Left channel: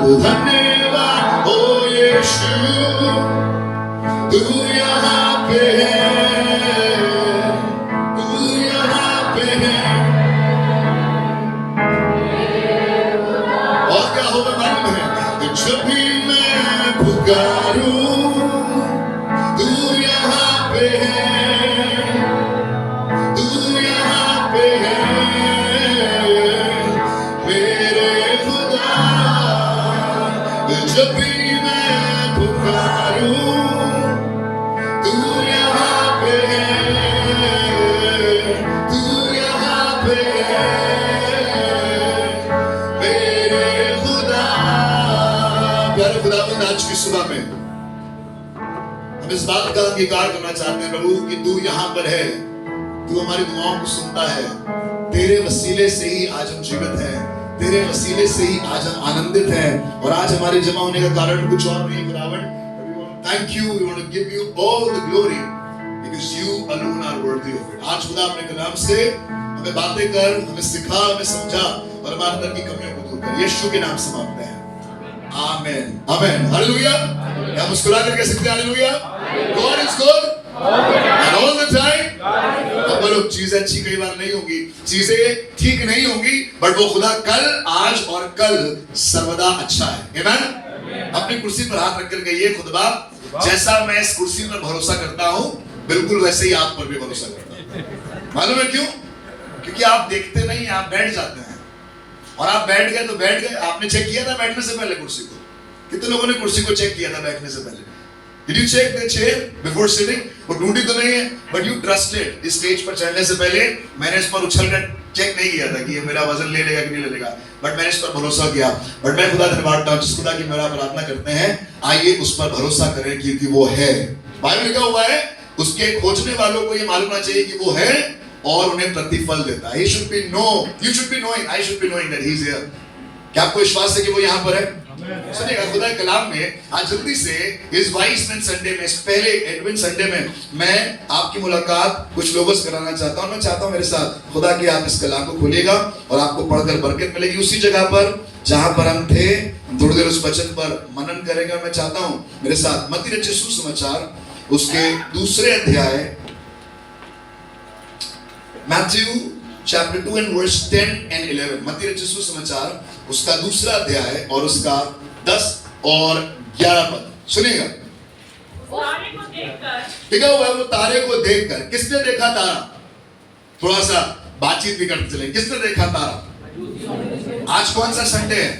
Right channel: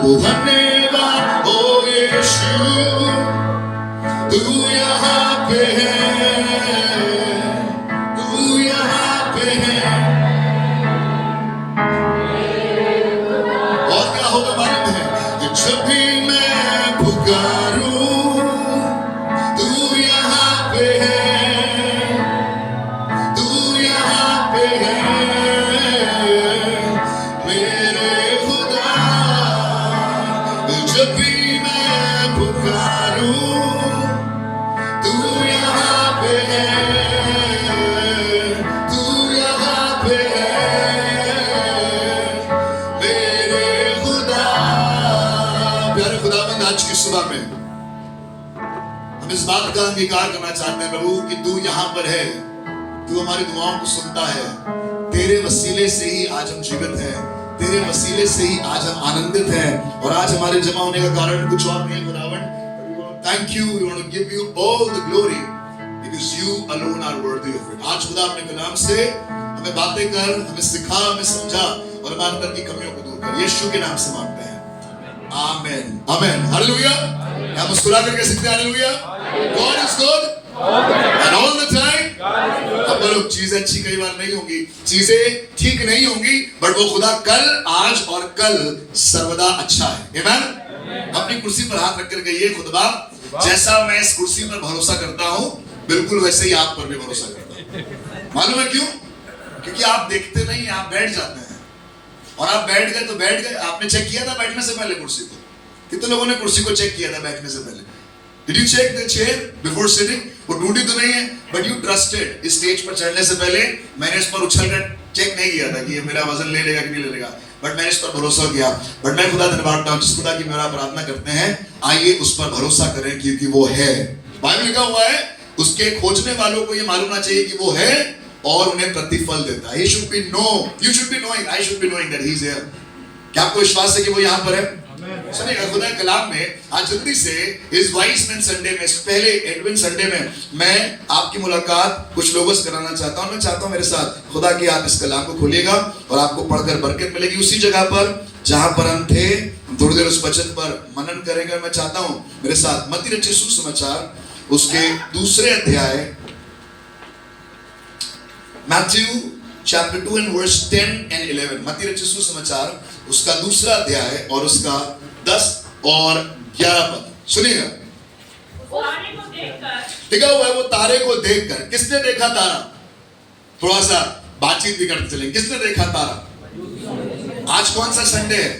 धन्यवाद ओ यीशु, तू यहाँ पे है, तू यहाँ पे है। और क्या होगा मालूम है? जब भी मैं पुकारूं, तू यहाँ पे है, तू यहाँ पे है मेरे खुदा। जब भी मैं पुकारूं, तू यहाँ पे है, तू यहाँ पे है मेरे खुदा। प्यारे खुदावंद, आज की सुबह में हम इस बात का अंगीकार करना चाहते हैं प्रभु कि तू यहाँ पर है, तू हमारी दुआओं को सुनता है। तेरे वसीले से ही आज हम जीवित हैं, तेरे वसीले से ही आज हम आनंदित हैं। और आज हमारे जमा होने का कारण कुछ और नहीं है खुदावंद। Thank you, we want to give you all the glory because you alone are worthy of it. आज खुदा अपने कलाम से हमें बातें कर, हमें सिखा, हमें समझा और हमारे अंदर की कमियों को दूर कर। यीशु के नाम से मांगते हैं, आमेन आमेन हालेलुया। क्या मुस्कुरा करके सकते हैं hallelujah? God is good and all the time। अब बोलो, चीजें अच्छी कई बार नहीं होंगी, चीजें ठीक नहीं होंगी, बट वो खुदा कल, आज और कल सर्वदा अच्छा है। आमेन। अपनी कुर्सी पर हाथ रखकर कहिए, खुदा जैसा मैं इस कुर्सी पर भरोसा करता हूँ, बिल्कुल वैसे ही आप पर भी भरोसा करता हूँ। मालूम है क्यों? क्योंकि आप देखते नहीं, आप बैठ जाते हैं। और आप बैठ गए तो बैठ गए। आपने चेक किया था बैठने से पहले कुर्सी को? कितने लोगों ने कुर्सी को चेक किया था बैठने से पहले? Did you check the chair before sitting? वो ढूंढी तो नहीं है, but you trusted। इस स्टेज पर चढ़ने से पहले मैंने इस पर उछलकर चेक नहीं किया था कि ये मेरा वजन ले लेगा कि नहीं ले लेगा, बट मैंने इस पर भरोसा किया। बट मैं खुदा धन्यवाद देता हूं, जिस खुदा की मेरा प्रार्थना करते हैं, आइए उस पर भरोसा करें क्योंकि वो है। बाइबल लिखा हुआ है, उसके खोजने वालों को ये मालूम होना चाहिए कि वो है और उन्हें प्रतिफल देता है। You should be know, you should be knowing, I should be knowing that he is here। क्या आपको विश्वास है कि वो यहाँ पर है? सुनिएगा, खुदा के कलाम में आज जल्दी से इस वाइस मैन संडे में, इस पहले एडवेंट संडे में मैं आपकी मुलाकात कुछ लोगों से कराना चाहता हूं। मैं चाहता हूं मेरे साथ खुदा की आप इस कलाम को खोलिएगा और आपको पढ़कर बरकत मिलेगी। उसी जगह पर जहां पर हम थे, थोड़ी देर उस वचन पर मनन करेंगे। मैं चाहता हूं मेरे साथ मत्ती रचित सुसमाचार उसके दूसरे अध्याय, Matthew chapter 2 and verse 10 and 11। मत्ती रचित सुसमाचार उसका दूसरा अध्याय और उसका 10 और 11 पद सुनिएगा। लिखा हुआ है, वो तारे को देखकर। किसने देखा तारा? थोड़ा सा बातचीत भी करते चलें। किसने देखा तारा? आज कौन सा संडे है?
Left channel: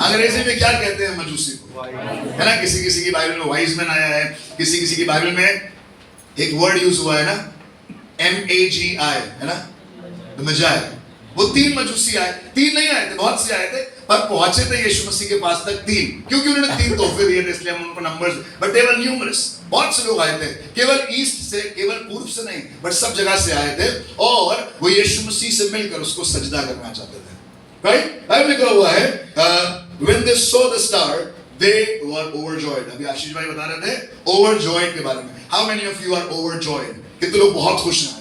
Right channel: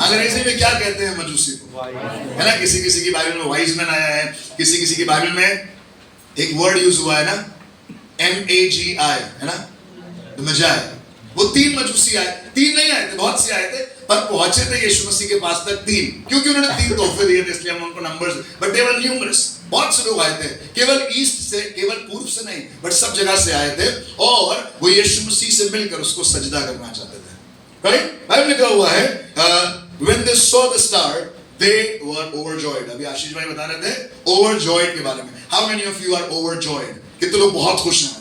अंग्रेजी में क्या कहते हैं? मजूसी को, है ना। किसी किसी की बाइबल में वाइज मैन आया है, किसी किसी की बाइबल में एक वर्ड यूज हुआ है ना, MAGI, है ना, मजाई। वो 3 मजूसी आए, 3 नहीं आए थे, बहुत से आए थे, पर पहुंचे थे यीशु मसीह के पास तक 3, क्योंकि उन्होंने 3 तोहफे दिए थे, इसलिए हम उनको numbers, but they were numerous. बहुत से लोग आए थे, केवल ईस्ट से, केवल पूर्व से नहीं, बट सब जगह से आए थे और वो यीशु मसीह से मिलकर उसको सजदा करना चाहते थे। राइट? बाइबल लिखा हुआ है, when they saw the star they were overjoyed। अभी आशीष भाई बता रहे थे overjoyed के बारे में। How many of you are overjoyed? कितने लोग बहुत खुश हैं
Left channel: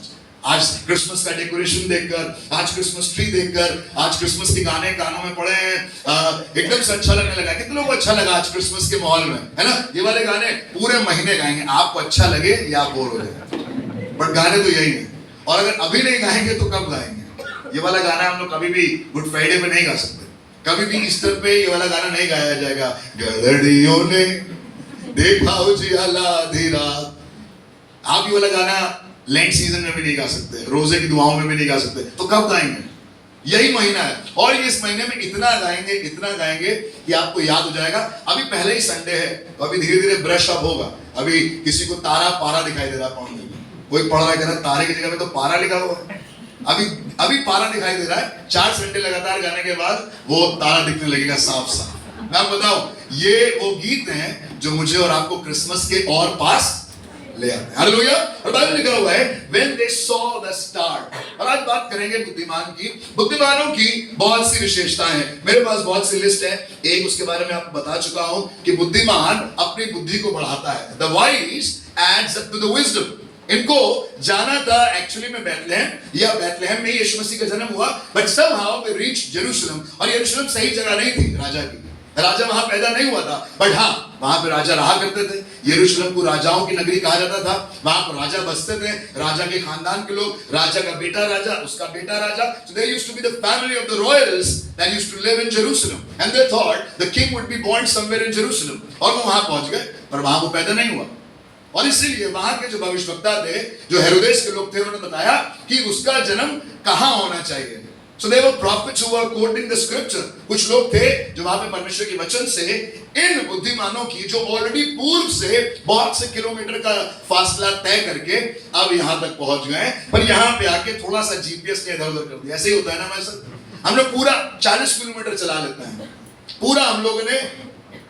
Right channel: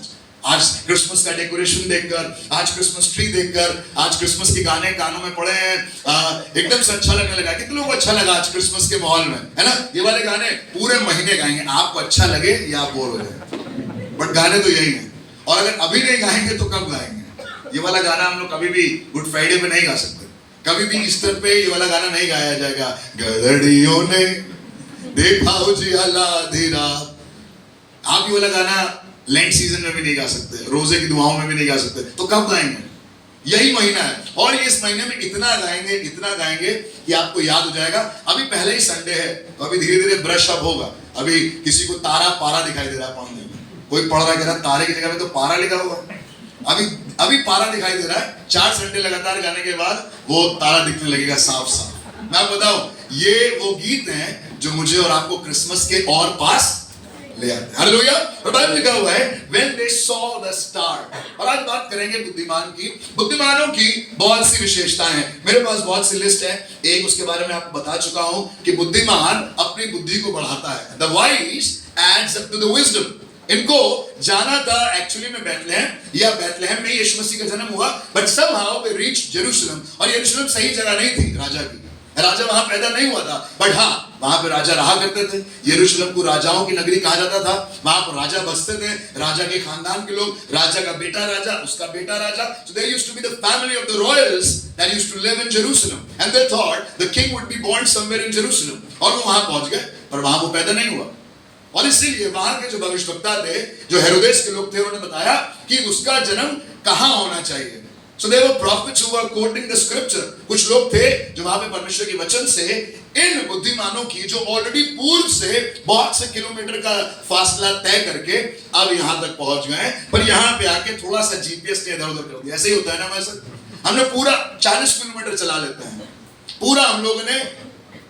आज क्रिसमस का डेकोरेशन देखकर, आज क्रिसमस ट्री देखकर, आज क्रिसमस के गाने कानों में पड़े हैं, एकदम से अच्छा लगने लगा। कितने लोगों को अच्छा लगा आज क्रिसमस के माहौल में, है ना। ये वाले गाने पूरे महीने गाएंगे, आपको अच्छा लगे या आप बोर हो जाए, बट गाने तो यही है। और अगर अभी नहीं गाएंगे तो कब गाएंगे? ये वाला गाना हम लोग कभी भी गुड फ्राइडे पे नहीं गा सकते, कभी भी ईस्टर पे ये वाला गाना नहीं गाया जाएगा। गदड़ियों ने देखा उजियाला आधी रात। आप ये वाला गाना लेंट सीजन में भी नहीं गा सकते, रोजे की दुआओं में भी नहीं गा सकते, तो कब गाएंगे? यही महीना है और इस महीने में इतना गाएंगे कि आपको याद हो जाएगा। अभी पहले ही संडे है तो अभी धीरे धीरे ब्रश अप होगा। अभी किसी को तारा पारा दिखाई दे रहा है पढ़ने में, कोई पढ़ रहा है, कह रहा तारे की जगह में तो पारा लिखा होगा। अभी पारा दिखाई दे रहा है, 4 संडे लगातार गाने के बाद वो तारा दिखने लगेगा साफ साफ। मैं आपको बताऊं, ये वो गीत हैं जो मुझे और आपको क्रिसमस के और पास ले आते हैं। हालेलुया। और बाइबल लिखा हुआ है when they saw the star। और आज बात करेंगे बुद्धिमान की। बुद्धिमानों की बहुत सी विशेषताएं हैं, मेरे पास बहुत सी लिस्ट है। एक उसके बारे में आपको बता चुका हूं कि बुद्धिमान अपनी बुद्धि को बढ़ाता है। The wise adds up to the wisdom। इनको जाना था एक्चुअली में बैतलहम, या बैतलहम में यीशु मसीह का जन्म हुआ, but somehow they reached Jerusalem। और यरूशलेम सही जगह नहीं थी राजा की, राजा वहां पैदा नहीं हुआ था, बट हाँ वहां पे राजा रहा करते थे। यरूशलेम को राजाओं की नगरी कहा जाता था, वहां पर राजा बसते थे, राजा के खानदान के लोग, राजा का बेटा राजा, उसका बेटा राजा। So there used to be the family of the royals that used to live in Jerusalem, and they thought the king would be born somewhere in Jerusalem, और वो वहां पहुंच गए, पर वहां वो पैदा नहीं हुआ। और इसीलिए वहां के जो भविष्यवक्ता थे, जो हेरोदेस के लोग थे, उन्होंने बताया कि उसका जन्म कहां होना चाहिए। So there were prophets who were quoting the scripture. कुछ लोग थे जो वहां पे परमेश्वर के वचन से इन बुद्धिमानों की, जो ऑलरेडी पूर्व से बहुत से किलोमीटर का फासला तय करके अब यहां तक पहुंच गए, पर यहां पे आके थोड़ा सा जीपीएस ने इधर उधर कर दिया। ऐसे ही होता है ना हमारे साथ। हम लोग पूरा 40 किलोमीटर चला लेते हैं, पूरा हम लोगों ने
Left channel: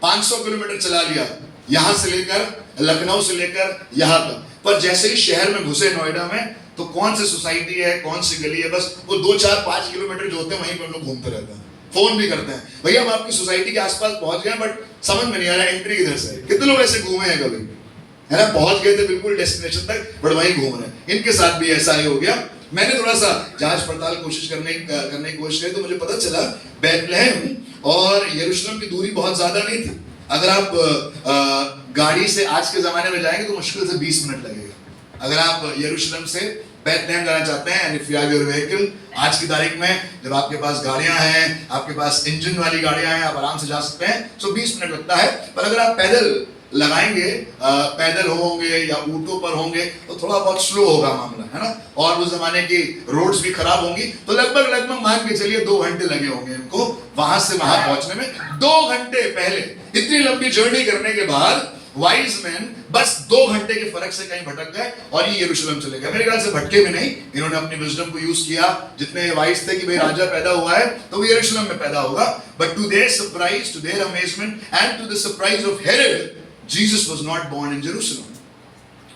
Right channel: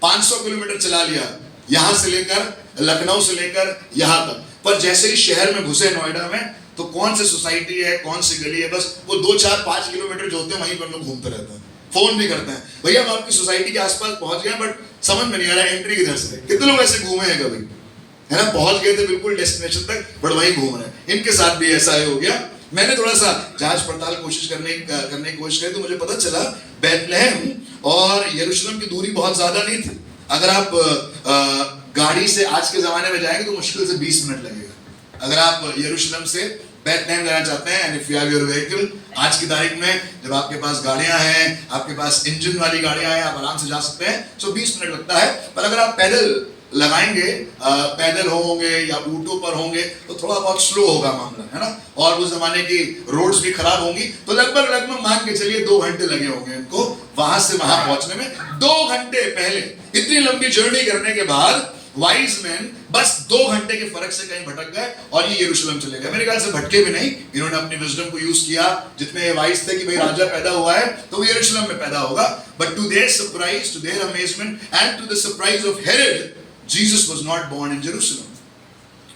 500 किलोमीटर चला लिया, यहां से लेकर लखनऊ से लेकर यहां तक, पर जैसे ही शहर में घुसे नोएडा में, तो कौन सी सोसाइटी है, कौन सी गली है, बस वो 2 4 5 किलोमीटर जो होते हैं वहीं पर हम लोग घूमते रहते हैं, फोन भी करते हैं, भैया हम आपकी सोसाइटी के आसपास पहुंच गए, बट समझ में नहीं आ रहा है एंट्री किधर से है। कितने लोग ऐसे घूमे हैं कभी, है ना, पहुंच गए थे बिल्कुल डेस्टिनेशन तक, बट वहीं घूम रहे हैं। इनके साथ भी ऐसा ही हो गया। मैंने थोड़ा सा जांच पड़ताल कोशिश करने की कोशिश की, तो मुझे पता चला बैतलहम और यरूशलेम की दूरी बहुत ज्यादा नहीं थी। अगर आप गाड़ी से आज के जमाने में जाएंगे तो मुश्किल से 20 मिनट लगेगा। अगर आप यरूशलेम से बैतलहम जाना चाहते हैं, and if you have your vehicle, आज की तारीख में जब आपके पास गाड़ियां हैं, आपके पास इंजन वाली गाड़ियां हैं, आप आराम से जा सकते हैं। सो 20 मिनट लगता है, पर अगर आप पैदल लगाएंगे, पैदल होंगे या ऊंटों पर होंगे, तो थोड़ा बहुत स्लो होगा मामला, है ना, और उस जमाने की रोड्स भी खराब होंगी, तो लगभग मान के चलिए 2 घंटे लगे होंगे इनको वहां से वहां पहुंचने में। 2 घंटे पहले इतनी लंबी जर्नी करने के बाद वाइज मैन बस 2 घंटे के फर्क से कहीं भटक गए और ये यरूशलेम चले गए। मेरे ख्याल से भटके भी नहीं, इन्होंने अपनी विजडम को यूज किया। जितने वाइज थे कि भाई राजा पैदा हुआ है तो वो यरूशलेम में पैदा होगा, but to their surprise, to their amazement and to the surprise of Herod, Jesus was not born in Jerusalem.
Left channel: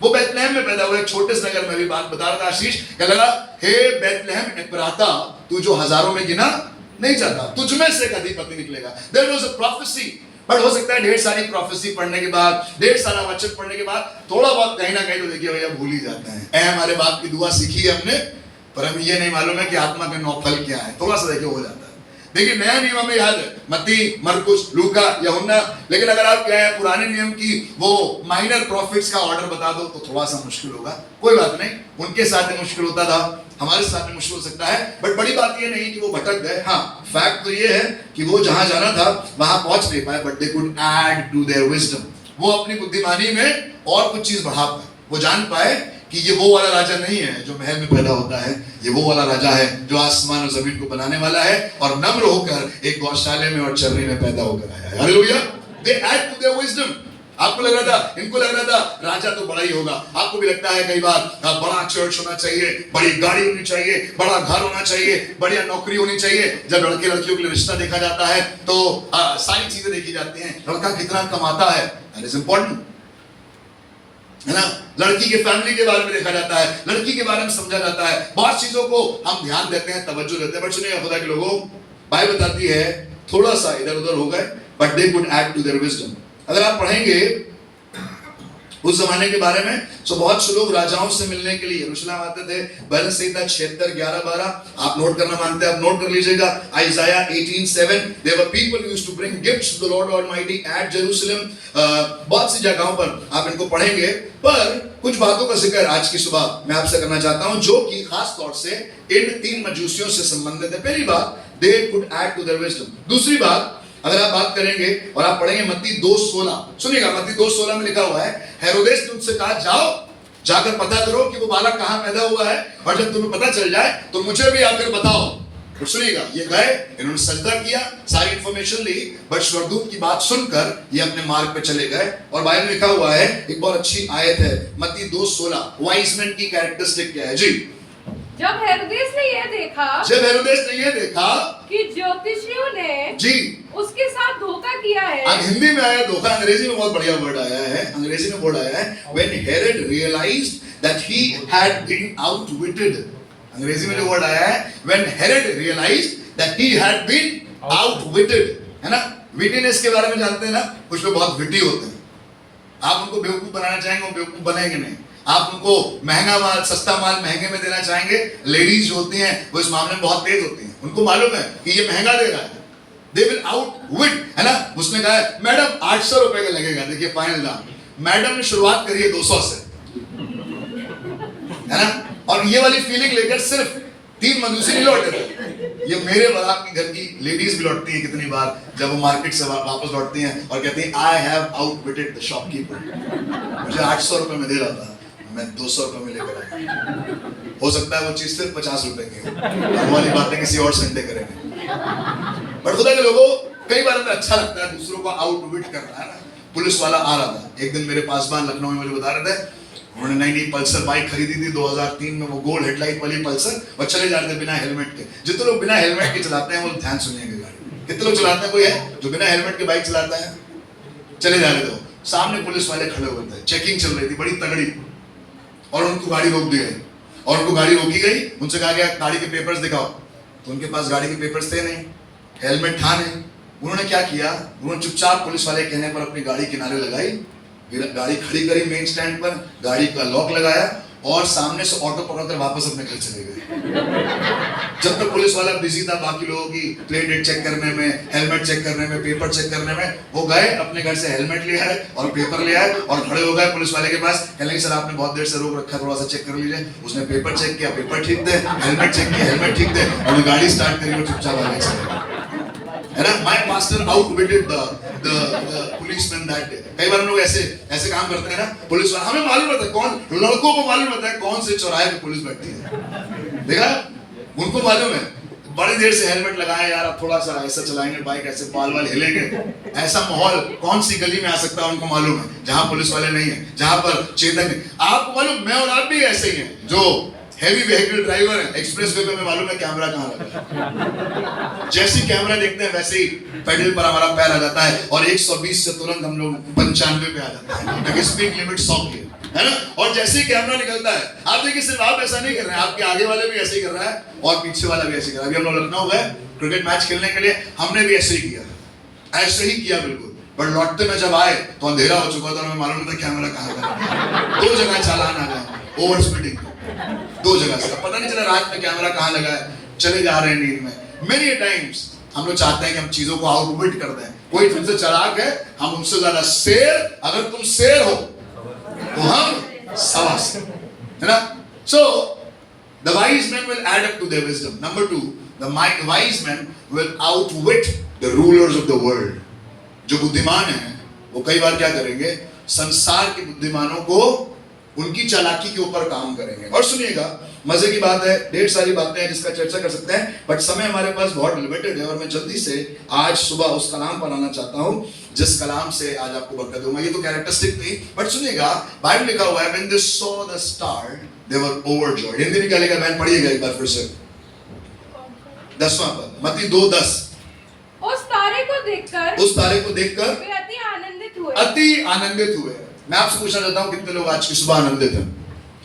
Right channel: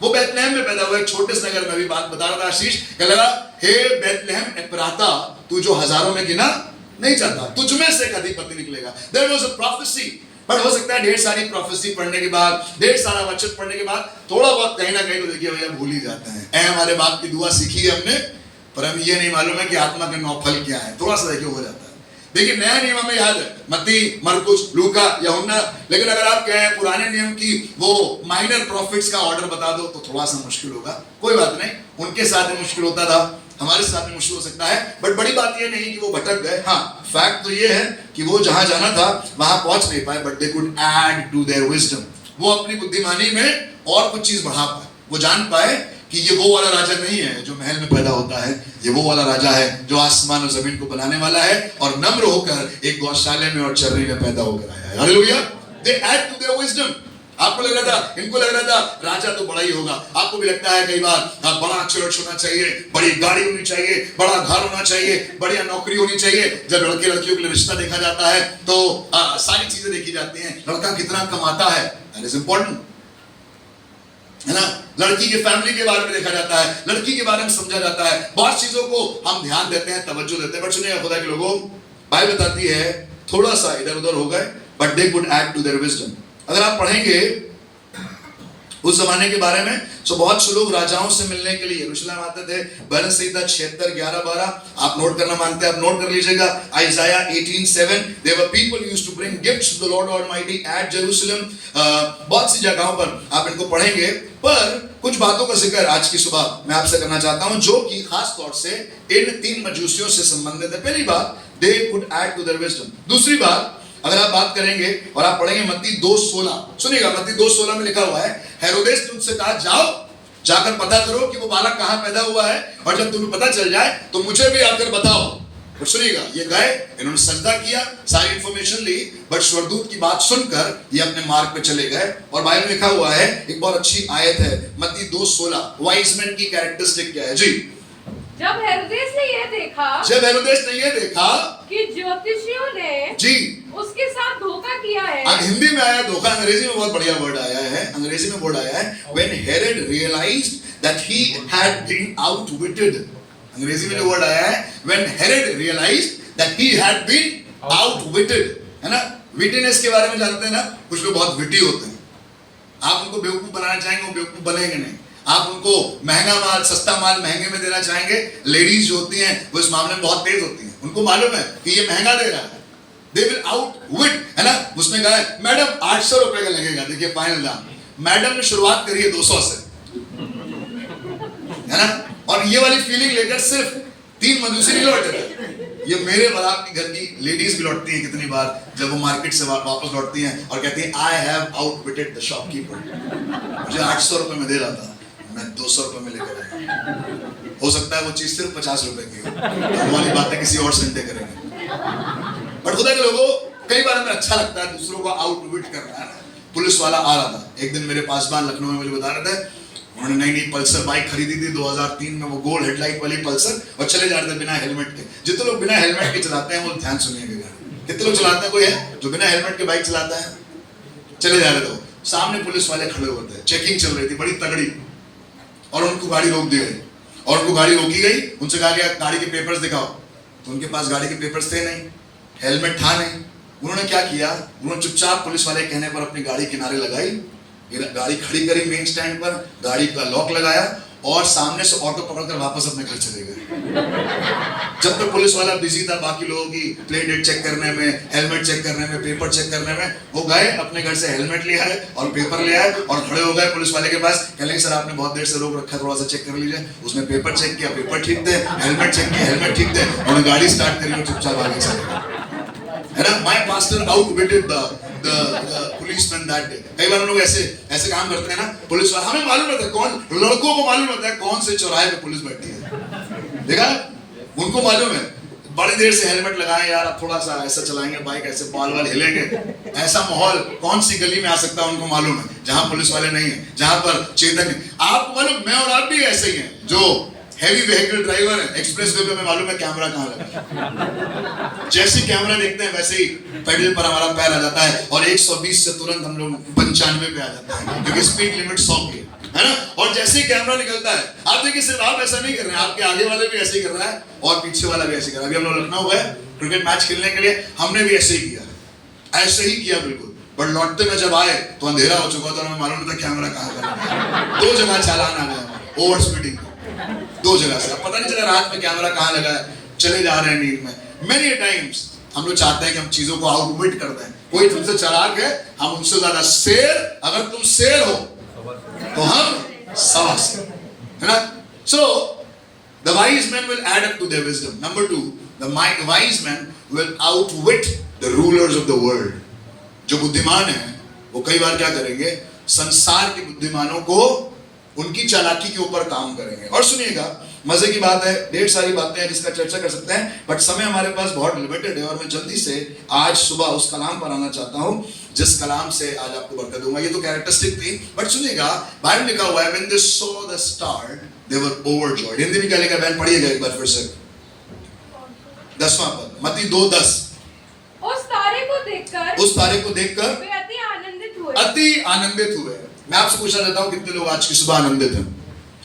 वो बैतलहम में पैदा हुआ, एक छोटे से नगर में। भी बात बता रहा था आशीष, कह लगा हे बैतलहम एफ्राता, तू जो हजारों में गिना नहीं जाता, तुझ में से एक अधिपति निकलेगा। देयर वाज अ प्रोफेसी, पर हो सकता है ढेर सारी प्रोफेसी पढ़ने के बाद, ढेर सारा वचन पढ़ने के बाद थोड़ा बहुत कहीं ना कहीं तो देखिए भैया भूल ही जाते हैं। ऐ हमारे बाप की दुआ सीखी है हमने, पर हमें ये नहीं मालूम है कि आत्मा का नौफल क्या है। थोड़ा सा देखिए हो जाता है। देखिए नया नियम हमें याद है, मत्ती, मरकुस, लूका, यूहन्ना, लेकिन अगर आप कहें पुराने नियम की वो माइनर प्रॉफिट्स का ऑर्डर बता दो तो थोड़ा सा मुश्किल होगा। कोई बात नहीं, उनके साथ भी मुश्किल होता था, हमारे साथ में मुश्किल हो सकता है, बट बड़ी बात ये नहीं कि वो भटक गए। हाँ, फैक्ट तो ये है कि वो जहां जाना था वहां पहुंच नहीं पाए, but they could add to their wisdom. वो अपनी बुद्धिमानी में और कुछ चीज बढ़ा पाए। वो जान पाए कि ये वो वाला राजा नहीं है जो महल में पैदा होता है, ये वो वाला राजा है जो आसमान और जमीन को बनाने वाला है, और नम्र होकर एक गौशाले में और चर्री में पैदा होकर आया है। Hallelujah. They add to their wisdom. आपको लग रहा था, इनको लग रहा था राजा तो बड़ा ही होगा। आपको भी लगता है कई बार बड़ा चर्च होना चाहिए, बड़ी गाड़ी होनी चाहिए, बड़ा घर होना चाहिए, बढ़िया नौकरी होनी चाहिए। जब लड़के लड़कियों के लिए रिश्ता देखा जाता है तो सारी चीजें देखी जाती हैं। लड़का कितना कमाता है, दैट इज इंपॉर्टेंट, है ना। लड़की के फैमिली के बारे में देखा जाता है, लड़की के बारे में समझा जाता है। बहुत चीजों को हम ध्यान देते हैं, तवज्जो देते हैं। बट सुनिए खुदा के लोगों, बाइबल बताती है थोड़ा सा इधर उधर हो गए, but they could add to their wisdom. अगर आप पढ़ेंगे उस जमाने के बारे में, तो बहुत से लोग राजाओं से मिलने के लिए यरूशलेम आते थे। बैलेंस संहिता 76, 11, 12 आप नोट करना मानते हैं, आप नोट कर लीजिएगा। आइजाया 18:7, there were people used to bring gifts to the Lord Almighty at Jerusalem। बहुत सी जगहों पर आप इनको पढ़ेंगे, पर कुछ बातों का जिक्र आज की सुबह मैं आपसे करना चाहता हूं, जो कि खास तौर से इन 3 मजूसियों से संबंधित है। पहली बात, they could add to their wisdom। दूसरी बात, अगर आप बात करेंगे और आप पढ़ेंगे मत्ती 2:16, सुनिएगा, मत्ती 2:16 में लिखा हुआ है, हेरोदेस ने उनसे कहा जाओ, जाकर पता करो कि वो बालक कहां पैदा हुआ है, और जब तुम्हें पता चल जाए तो मुझे भी आकर बताओ। और सुनिएगा, ये गए, इन्होंने सजदा किया, सारी इंफॉर्मेशन ली, बट स्वर्गदूत की बात सुनकर ये अपने मार्ग पे चले गए। और बाइबल में लिखा हुआ है, एक बहुत अच्छी आयत है मत्ती 2:16, वाइज मैन की कैरेक्टरिस्टिक क्या है जी। जब हेरोदेस ने यह देखा कि ज्योतिषियों ने जी उसके साथ धोखा किया है। अब हिंदी में आया धोखा, अंग्रेजी में बहुत बढ़िया वर्ड आया है। अंग्रेजी में वर्ड आया है when Herod realized that he had been outwitted। अंग्रेजी में जो वर्ड आया है when Herod realized that he had been outwitted, है ना। विटीनेस के बारे में जानते हैं ना, कुछ लोग बहुत विटी होते हैं। आप उनको बेवकूफ बनाना चाहेंगे, वो बेवकूफ बनेंगे नहीं। आप उनको महंगा माल, सस्ता माल महंगे में देना चाहेंगे, लेडीज जो होती हैं वो इस मामले में बहुत तेज होती हैं। उनको मालूम है कि ये महंगा दे रहा है, they will outwit, है ना। उस उसने कहा मैडम 800 रुपए का लगेगा, देखिए फाइनल दाम। मैडम ने शुरुआत करी है 200 से, है ना। और ये वाली फीलिंग लेकर सिर्फ 3 मनुष्य नहीं लौटे थे, ये मेरे बराबर के घर की लेडीज भी लौटती है कितनी बार, जब वो मार्केट से वापस लौटती हैं और कहती हैं आई हैव आउटविटेड द शॉपकीपर, मुझे 800 रुपए में दे रहा था, मैं 200 रुपए में लेकर आया। हो सकता है वो चीज सिर्फ 50 रुपए की हो, हम वाली बातें किसी और संडे करेंगे। बट खुदा के लोगों, कई बार हमें अच्छा लगता है दूसरों को आउटविट करना, है ना। पुलिस वाला आ रहा था एक दिन मेरे पास, बार लखनऊ में, मुझे बता रहे थे उन्होंने नई पल्सर बाइक खरीदी थी 2003 में, वो गोल्ड हेडलाइट वाली पल्सर, और चले जा रहे थे बिना हेलमेट के। जितने लोग बिना हेलमेट के चलाते हैं वो ध्यान सुनिएगा, कितने लोग चलाते हैं, कोई है जो बिना हेलमेट के बाइक चलाता है? चले जा रहे थे, सामने पुलिस वाले खड़े हुए थे, चेकिंग चल रही थी बड़ी तगड़ी, और उनको गाड़ी रोक दी गई। और उनको गाड़ी रोकी गई, उनसे कहा गया गाड़ी के पेपर्स दिखाओ, तो उनके पास गाड़ी के पेपर्स थे नहीं, हेलमेट था नहीं। उन्होंने क्या किया, उन्होंने चुपचाप पुलिस वाले कहने पर अपनी गाड़ी किनारे लगाई, गाड़ी खड़ी करी मेन स्टैंड पर, गाड़ी का लॉक लगाया और सामने से ऑटो पकड़कर वापस अपने घर चले गए। जब तक पुलिस वाला बिजी था बाकी लोगों की प्लेट डेट चेक करने में, हेलमेट चेक करने में, पेपर चेक करने में, वो गए अपने घर से हेलमेट ले आए और पेपर ले आए और खड़े हो गए पुलिस वाले के पास। कहने सर आपने बहुत देर से रोक रखा है, थोड़ा सा चेक कर लीजिए। उसने पेपर चेक किया, पेपर ठीक थे, हेलमेट चेक किया, हेलमेट ठीक थे, और गाड़ी स्टार्ट करी और चुपचाप आगे चले गए, है ना। My pastor outwitted the policeman that day. कई बार हम लोग ऐसे काम करते हैं ना, पुलिस वाला, हमें मालूम होता है कौन, लड़कों को मालूम होता है कौन से चौराहे पे पुलिस बैठी है, देखा, उनको मालूम है। बड़ी देर से हेलमेट लगाए यार, अब थोड़ा सा ऐसा चलाएंगे बाइक, ऐसे बाल वाल हिलेंगे, ऐसा माहौल कौन सी गली में आ सकता है उनको मालूम है, जहां पुलिस वाले नहीं है, जहां पर चेतन। आपको मालूम, मैं और आप भी ऐसे ही हैं जो हेवी व्हीकल ड्राइवर है, एक्सप्रेस वे पे हमें मालूम है कैमरा कहाँ लगा है। जैसे ही कैमरा देखते हैं वैसे ही पेडल पर हमारा पैर आ जाता है और 120 से तुरंत हम लोग 95 पे आ जाता है, क्योंकि स्पीड लिमिट 100 की है ना। और जैसे ही कैमरा निकलता है, आप देखिए सिर्फ आप ऐसा नहीं कर रहे हैं, आपके आगे वाले भी ऐसे ही कर रहा है और पीछे वाला भी ऐसे ही कर रहा है। अभी हम लोग लखनऊ गए क्रिकेट मैच खेलने के लिए, हमने भी ऐसे ही किया, ऐसे ही किया बिल्कुल। पर लौटते में जब आए तो अंधेरा हो चुका था, हमें मालूम नहीं था कैमरा कहाँ का। 2 जगह चालान आ गया ओवर स्पीडिंग, 2 जगह से, पता नहीं चला रात में कैमरा कहाँ लगा है, चले जा रहे हैं नींद में। मेनी टाइम्स हम लोग चाहते हैं कि हम चीजों को आउटविट कर दें, कोई तुमसे चालाक है, हम उनसे ज्यादा शेर, अगर तुम शेर हो तो हम सवा शेर, है ना। So the wise men will add up to their wisdom. Number 2, the wise men will outwit the rulers of the world. जो बुद्धिमान हैं वो कई बार क्या करेंगे, संसार के बुद्धिमानों को उनकी चालाकी के ऊपर काम करेंगे। और सुनिएगा, मजे की बात है, ढेर सारी बातें हैं जिसका चर्चा कर सकते हैं, बट समय हमारे पास बहुत लिमिटेड है और मैं जल्दी से आज सुबह उस कलाम पर आना चाहता हूं जिस कलाम से आज आपको बरकत दूंगा। ये तो कैरेक्टरिस्टिक थी, बट सुनिएगा, बाइबल लिखा हुआ है when they saw the star they were overjoyed। Hindi में क्या लिखा है, बहन पढ़िएगा एक बार फिर से, 10वां पद, मत्ती 2:10। उस तारे को देखकर वे अति आनंदित हुए। मैं आपसे पूछना चाहता हूं कितने लोग आज की सुबह आनंदित हैं?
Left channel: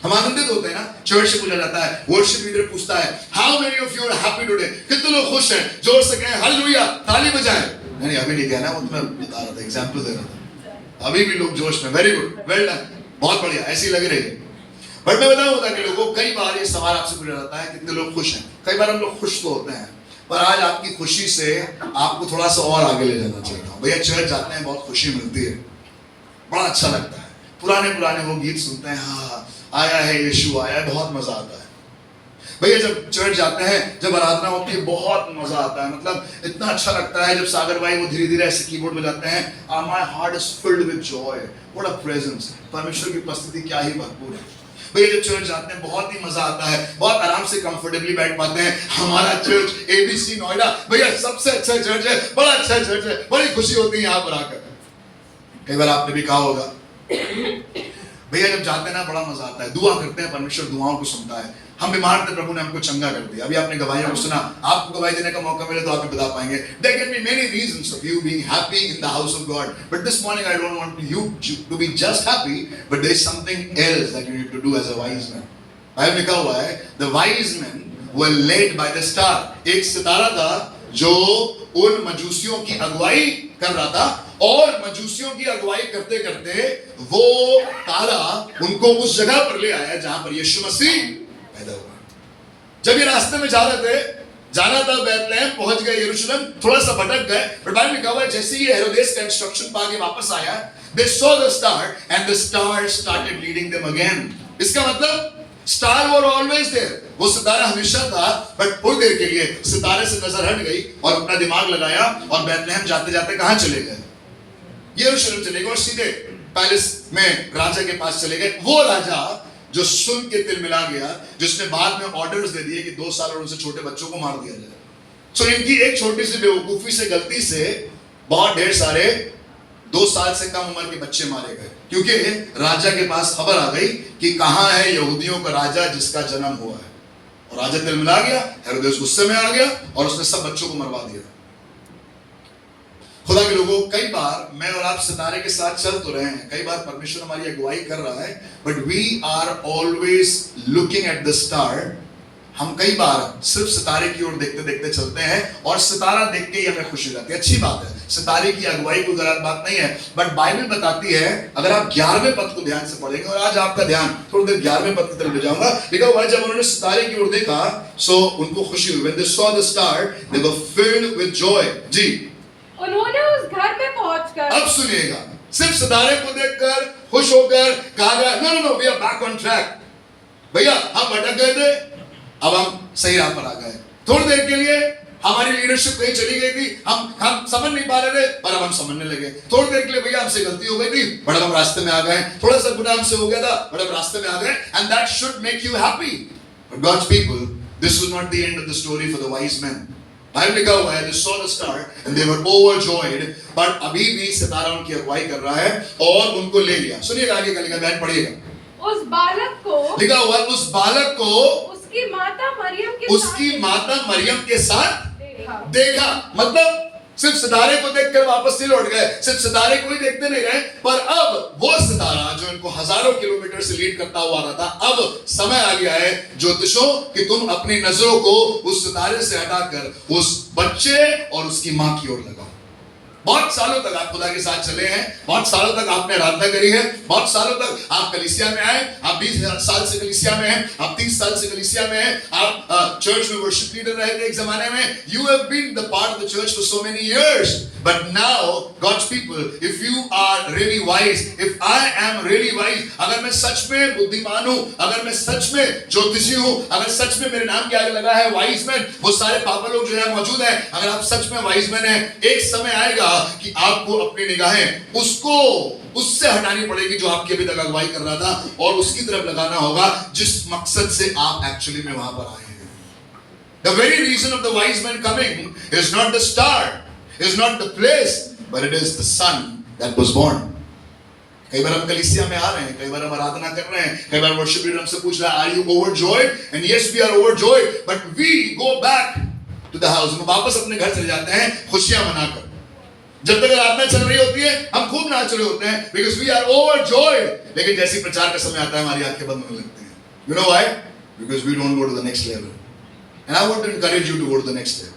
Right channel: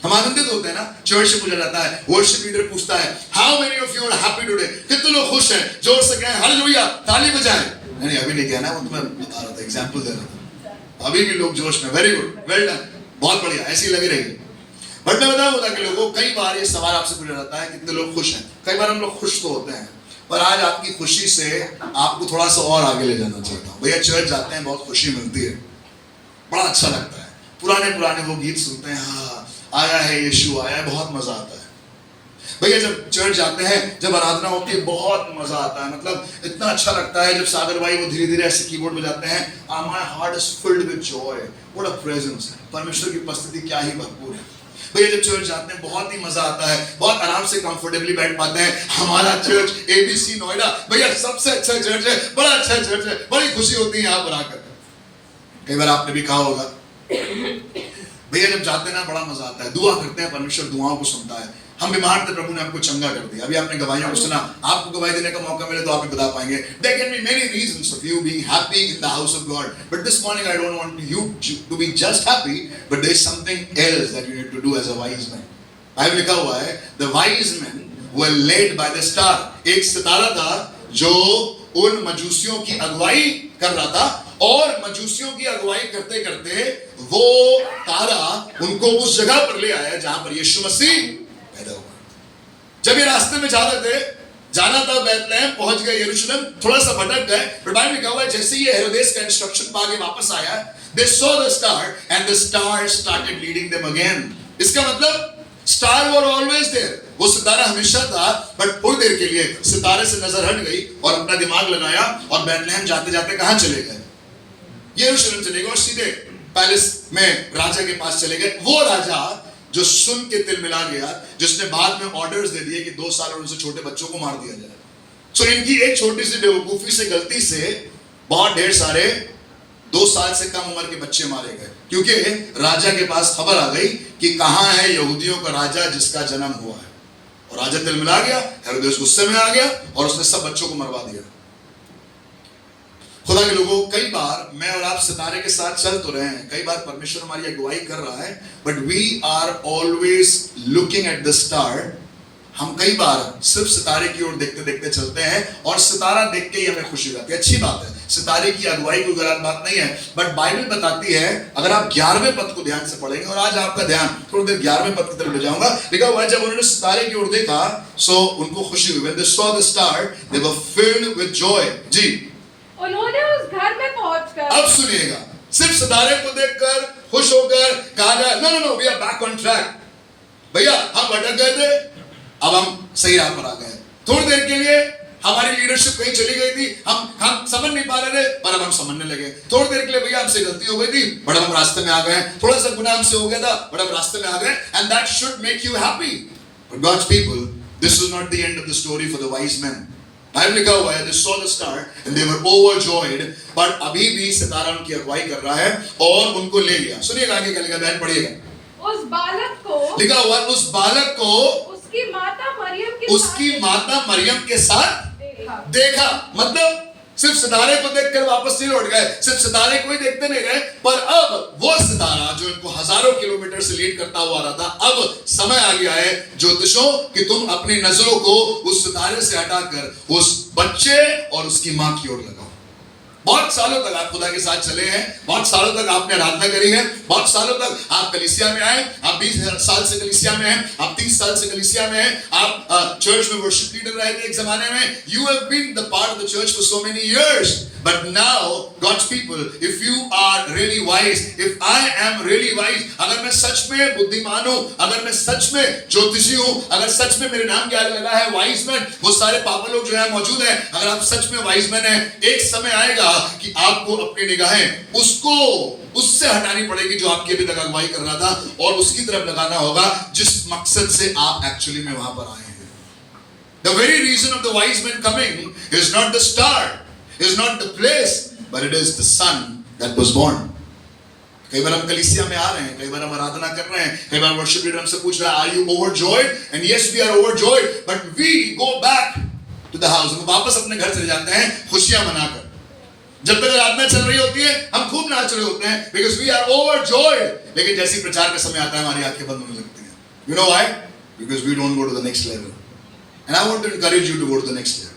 हम आनंदित होते हैं ना, चर्च से पूछा जाता है, वर्शिप लीडर पूछता है how many of you are happy today, कितने लोग खुश हैं, जोर से कहें हालेलुया, ताली बजाएं। नहीं अभी नहीं कहना, वो तो मैं बता रहा था, एग्जांपल दे रहा था। अभी भी लोग जोश में, वेरी गुड, वेल डन, बहुत बढ़िया, ऐसी लग रही है। बट मैं बताऊं कि लोगों, कई बार ये सवाल आपसे पूछा जाता है कितने लोग खुश हैं। कई बार हम लोग खुश तो होते हैं, पर आज आपकी खुशी से आपको थोड़ा सा और आगे ले जाना चाहिए। भैया चर्च जाते हैं, बहुत खुशी मिलती है, बड़ा अच्छा लगता है, पुराने वो गीत सुनते हैं, हाँ आया है यीशु आया है, बहुत मजा आता है। भैया जब चर्च जाते हैं, जब आराधना होती है, बहुत मजा आता है, मतलब इतना अच्छा लगता है जब सागर भाई वो धीरे धीरे ऐसे कीबोर्ड बजाते हैं, my heart is filled with Joy, what a presence, परमेश्वर की उपस्थिति क्या ही भरपूर है। भैया जब चर्च जाते हैं बहुत ही मजा आता है, बहुत आराम से कंफर्टेबली बैठ पाते हैं। हमारा चर्च एबीसी नोएडा भैया सबसे अच्छा चर्च है, बड़ा अच्छा चर्च है, बड़ी खुशी होती है यहाँ पर आकर। कई बार आपने भी कहा होगा, भैया जब जाते हैं ना बड़ा मजा आता है, दुआ करते हैं, परमेश्वर दुआओं को सुनता है। हम बीमार थे, प्रभु ने हमको चंगा कर दिया। अभी आपने गवाहियों को सुना, आपको गवाही देने का मौका मिले तो आप भी बता पाएंगे। There can be many reasons of you being happy in the house of God, but this morning I don't want you to be just happy, but there is something else that you need to do as a wise man. Bible लिखा हुआ है, the wise men were led by the star। एक सितारा था जो उन मजूसियों की अगुवाई कर रहा था, और मजूसियों की अगुवाई करते करते वो तारा उनको उस जगह पर ले आया जहां पर यीशु मसीह पैदा हुआ। जब ये रास्ते में जा रहे थे जाना था बैतलहम, पहुंच गए यरूशलेम, थोड़ा सा भटक गए, बट बाइबल लिखा हुआ है जैसे ही हेरोदेस का इंस्ट्रक्शन पा के वापस आया, they saw the star and the star started leading them again. इसका मतलब स्टार were always there, वो सितारा हमेशा था, बट थोड़ी देर के लिए सितारे से नजर हट गई और अपना दिमाग लगाया और बैतलहम जाते जाते कहां चले गए? यरूशलेम चले गए और सीधे पैलेस में राजा के पास चले गए। वो राजा जो सुन के तिल मिला गया, जिसने बाद में ऑर्डर्स दे दिए कि 2 साल और उनसे छोटे बच्चों को मार दिया जाए। सो इनकी एक छोटी सी बेवकूफी से, गलती से बहुत ढेर सारे 2 साल से कम उम्र के बच्चे मारे गए, क्योंकि राजा के पास खबर आ गई कि कहां है यहूदियों का राजा जिसका जन्म हुआ है। और राजा तिल मिला गया, हेरोदेस गुस्से में आ गया और उसने सब बच्चों को मरवा दिया। खुदा के लोगों, कई बार मैं और आप सितारे के साथ चल तो रहे हैं, कई बार परमेश्वर हमारी अगुवाई कर रहा है, but we are always looking at the star. हम कई बार सिर्फ सितारे की ओर देखते देखते चलते हैं और सितारा देख के ही हमें खुशी रहती है। अच्छी बात है, सितारे की अगुवाई कोई गलत बात नहीं है, बट बाइबल बताती है, अगर आप 11वें पद को ध्यान से पढ़ेंगे, और आज आपका ध्यान थोड़ी देर 11वें पद की तरफ ले जाऊंगा, लिखा हुआ है जब उन्होंने सितारे की ओर देखा सो उनको खुशी हुई। When they saw the star, they were filled with joy. जी, उन्होंने उस घर में पहुंचकर, अब सुनिएगा, सिर्फ सितारे को देखकर खुश होकर कहा गया no no no we are back on track. भैया हम भटक गए थे, अब हम सही राह पर आ गए। थोड़ी देर के लिए हमारी लीडरशिप कहीं चली गई थी, हम समझ नहीं पा रहे थे, पर अब हम समझने लगे। थोड़ी देर के लिए भैया हमसे गलती हो गई थी, बट हम रास्ते में आ गए। थोड़ा सा गुनाह हमसे हो गया था, बट हम रास्ते में आ गए, and that should make you happy. But God's people, this is not the end of the story for the wise man. Bible लिखा हुआ है, they saw the star and they were overjoyed, but अभी भी सितारा उनकी अगुवाई कर रहा है और उनको ले लिया। सुनिएगा आगे का, लिखा बहन पढ़िएगा। उस बालक को, लिखा हुआ उस बालक को उसकी माता मरियम के साथ देखा। मतलब सिर्फ सितारे को देखकर वापस नहीं लौट गए, सिर्फ सितारे को ही देखते नहीं रहे, पर अब वो सितारा जो इनको हजारों किलोमीटर से लीड करता हुआ आ रहा था, अब समय आ गया है ज्योतिषों कि तुम अपनी नजरों को उस सितारे से हटाकर उस बच्चे और उसकी मां की ओर लगाओ। बहुत सालों तक आप खुदा के साथ चले हैं, बहुत सालों तक आपने आराधना करी है, बहुत सालों तक आप कलीसिया में आए, आप 20 साल से कलीसिया में हैं, आप 30 साल से कलीसिया में हैं, आप चर्च में वर्शिप लीडर रहे थे एक जमाने में, you have been the part of the church for so many years, but now God's people, if you are really wise, if I am really wise, अगर मैं सच में बुद्धिमान हूं, अगर मैं सच में ज्योतिषी हूं, अगर सच में मेरे नाम के आगे लगा है वाइज मैन, वो सारे पापा लोग जो है मौजूद हैं, अगर आप सच में वाइज मैन हैं, एक समय आएगा कि आपको अपनी निगाहें उससे हटानी पड़ेगी जो आपकी अभी तक अगुवाई कर रहा था, और उसकी तरफ लगाना होगा जिस मकसद से आप एक्चुअली में वहां पर आए हैं। The very reason of the wise men coming is not the star, is not the place, but it is the son that was born. कई बार हम कलीसिया में आ रहे हैं, कई बार हम आराधना कर रहे हैं, कई बार वर्शिप लीडर हमसे पूछ रहा है are you overjoyed, and yes we are overjoyed, but we go back to the house. हम वापस अपने घर चले जाते हैं खुशियां मनाकर। जब तक आराधना चल रही होती है हम खूब नाच रहे होते हैं, बिकॉज़ वी आर ओवरजॉयड, लेकिन जैसे प्रचार का समय आता है हमारी आंखें बंद होने लगती हैं। You know why? Because we don't go to the next level, and I want to encourage you to go to the next level.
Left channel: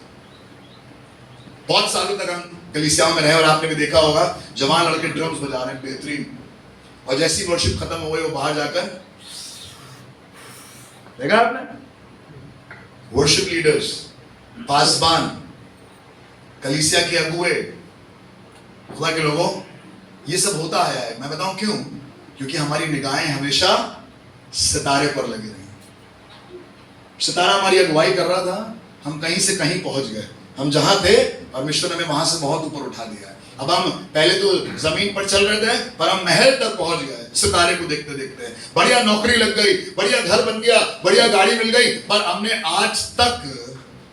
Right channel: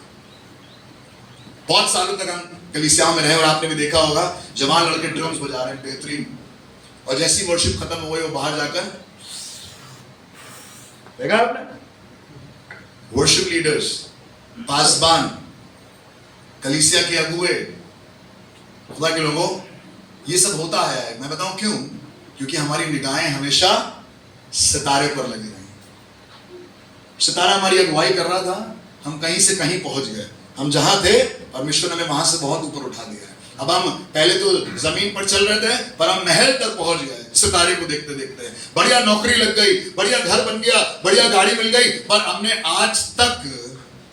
बहुत सालों तक हम कलीसियाओं में रहे और आपने भी देखा होगा जवान लड़के ड्रम्स बजा रहे हैं बेहतरीन, और जैसी वर्शिप खत्म हो गई वो बाहर जाकर, देखा आपने, वर्शिप लीडर्स, पासबान, कलीसिया के अगुए, खुदा के लोगों, ये सब होता आया है। मैं बताऊं क्यों? क्योंकि हमारी निगाहें हमेशा सितारे पर लगी रही। सितारा हमारी अगुवाई कर रहा था, हम कहीं से कहीं पहुंच गए, हम जहां थे परमेश्वर ने हमें वहां से बहुत ऊपर उठा दिया है। अब हम पहले तो जमीन पर चल रहे थे, पर हम महल तक पहुंच गए सितारे को देखते देखते। बढ़िया नौकरी लग गई, बढ़िया घर बन गया, बढ़िया गाड़ी मिल गई, पर हमने आज तक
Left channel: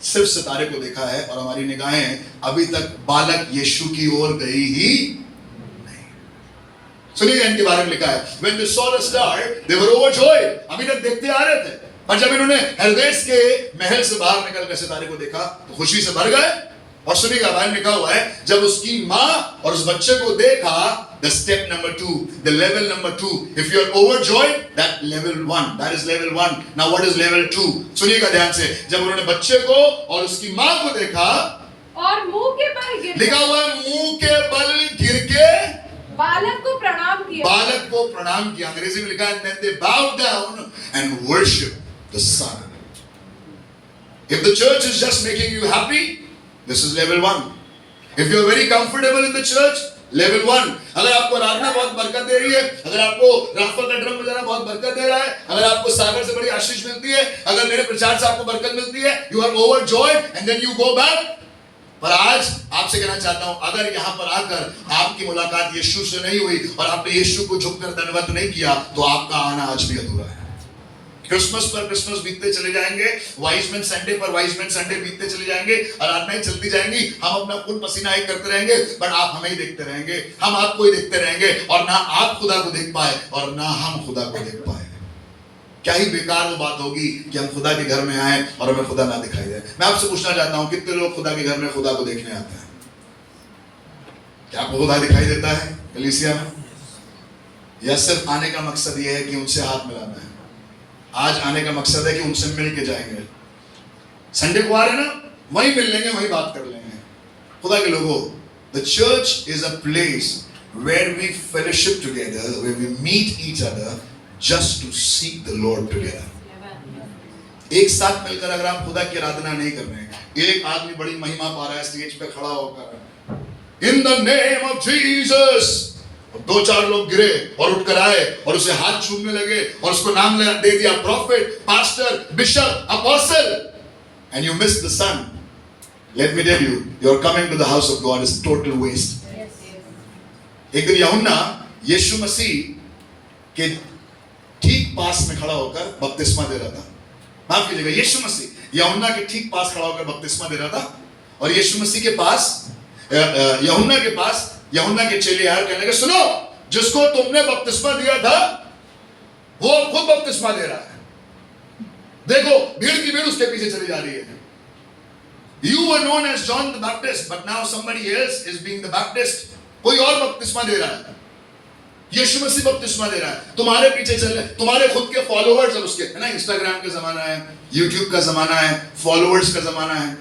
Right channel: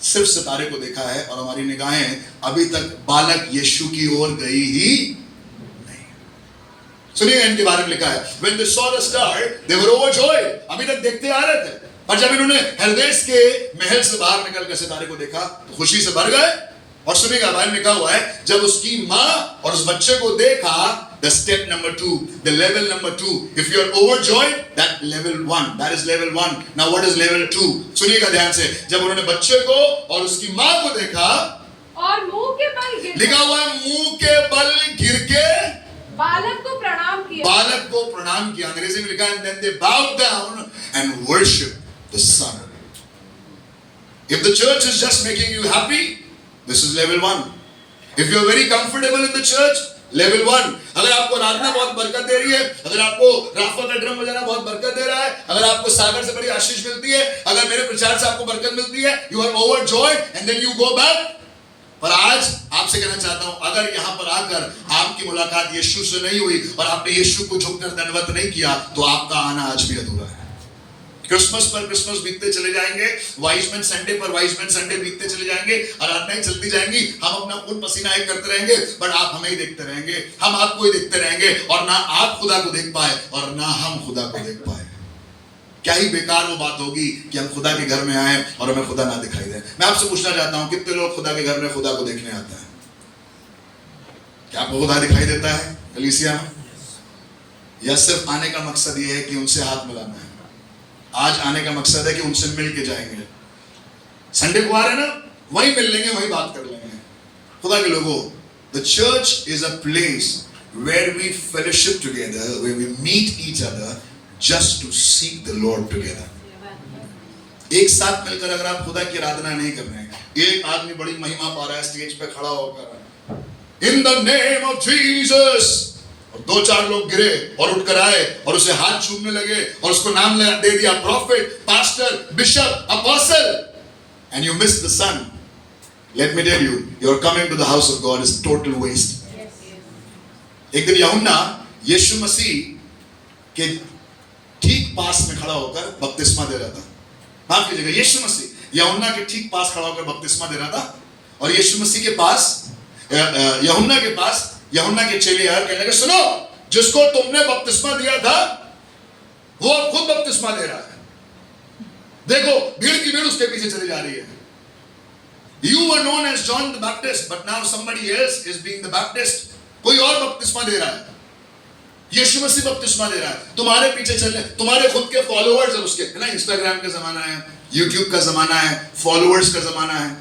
सिर्फ सितारे को देखा है और हमारी निगाहें अभी तक बालक यीशु की ओर गई ही नहीं। सुनिए इनके बारे में लिखा है, when they saw the star they were overjoyed, अभी तक देखते आ रहे थे, पर जब इन्होंने हेरोदेस के महल से बाहर निकलकर सितारे को देखा तो खुशी से भर गए। और सुनिएगा बाइबल में लिखा हुआ है, जब उसकी मां और उस बच्चे को देखा, the step number 2, the level number 2, if you are overjoyed, that level 1, that is level 1. Now what is level 2? सुनिएगा ध्यान से, जब उन्होंने बच्चे को और उसकी मां को देखा और मुंह के बल गिर, लिखा हुआ है मुंह के बल गिर के बालक को प्रणाम किया, बालक को प्रणाम किया। अंग्रेजी में लिखा है, and then they bowed down and worshiped the son. If the church is just making you happy, this is level 1. If you are very comfortable in the church, level 1. अगर आपको आराधना बहुत बरकत दे रही है, अगर आपको राफा का ड्रम बजाना बहुत बरकत दे रहा है, अगर आपको सागर से बड़ी आशीष मिलती है, अगर मेरे प्रचार से आपको बरकत मिलती है, you are overjoyed and then you go back. पर आज आपसे कहना चाहता हूं, अगर यहां पर आकर आपकी मुलाकात यीशु से नहीं हुई और आपने यीशु को झुककर दंडवत नहीं किया, तो आपका आना आज भी अधूरा है। क्रिसमस पर क्रिसमस बीतते चले जाएंगे, वाइजमैन संडे पर वाइजमैन संडे बीतते चले जाएंगे, आराधनाएं चलती जाएंगी, हम अपना खून पसीना एक करते रहेंगे, बट आप हमें ही देखते रहेंगे, हम आपको ही देखते रहेंगे, और ना आप खुदा को देख पाए और ना हम खुदा को देख पाए। क्या ही बेकार वो बात होगी कि हम खुदा के घर में आए और हमें खुदा ना दिखाई दे। मैं आपसे पूछना चाहता हूं, कितने लोग खुदा के घर में खुदा को देखने आते हैं? क्या आपको खुदा दिखाई देता है कलीसिया में? या सिर्फ आने का मकसद ये है कि उनसे हाथ मिलाना है? आज आने का मकसद है कि उनसे मिल के जाएंगे। संडे को आ रहे ना, वहीं मिल लेंगे, वहीं बात कर लेंगे। खुदा के लोगों, the church is a place where we fellowship together, where we meet each other just to seek the Lord together. एक साथ मिलकर अगर आप खुदा की आराधना नहीं कर रहे हैं, एक आदमी बड़ी महिमा पा रहा है स्टेज पे खड़ा होकर, in the name of Jesus, और 2-4 लोग गिरे और उठकर आए और उसे हाथ चूमने लगे और उसको नाम दे दिया prophet, pastor, bishop, apostle, and you miss the son. Let me tell you, your coming to the house of God is total waste. एक दिन यूहन्ना यीशु मसीह के ठीक पास में खड़ा होकर बपतिस्मा दे रहा था। माफ कीजिएगा, यीशु मसीह यूहन्ना के ठीक पास खड़ा होकर बपतिस्मा दे रहा था, और यीशु मसीह के पास, यूहन्ना के पास, यूहन्ना के चेले आए, कहने लगे, सुनो, जिसको तुमने बपतिस्मा दिया था वो अब खुद बपतिस्मा दे रहा है। देखो, भीड़ की भीड़ उसके पीछे चली जा रही है। You were known as John the Baptist, but now somebody else is being the Baptist. कोई और बपतिस्मा दे रहा है, यीशु मसीह बपतिस्मा दे रहा है। तुम्हारे पीछे चल रहे, तुम्हारे खुद के फॉलोअर्स और उसके, है ना, इंस्टाग्राम का जमाना है, यूट्यूब का जमाना है, फॉलोअर्स का जमाना है,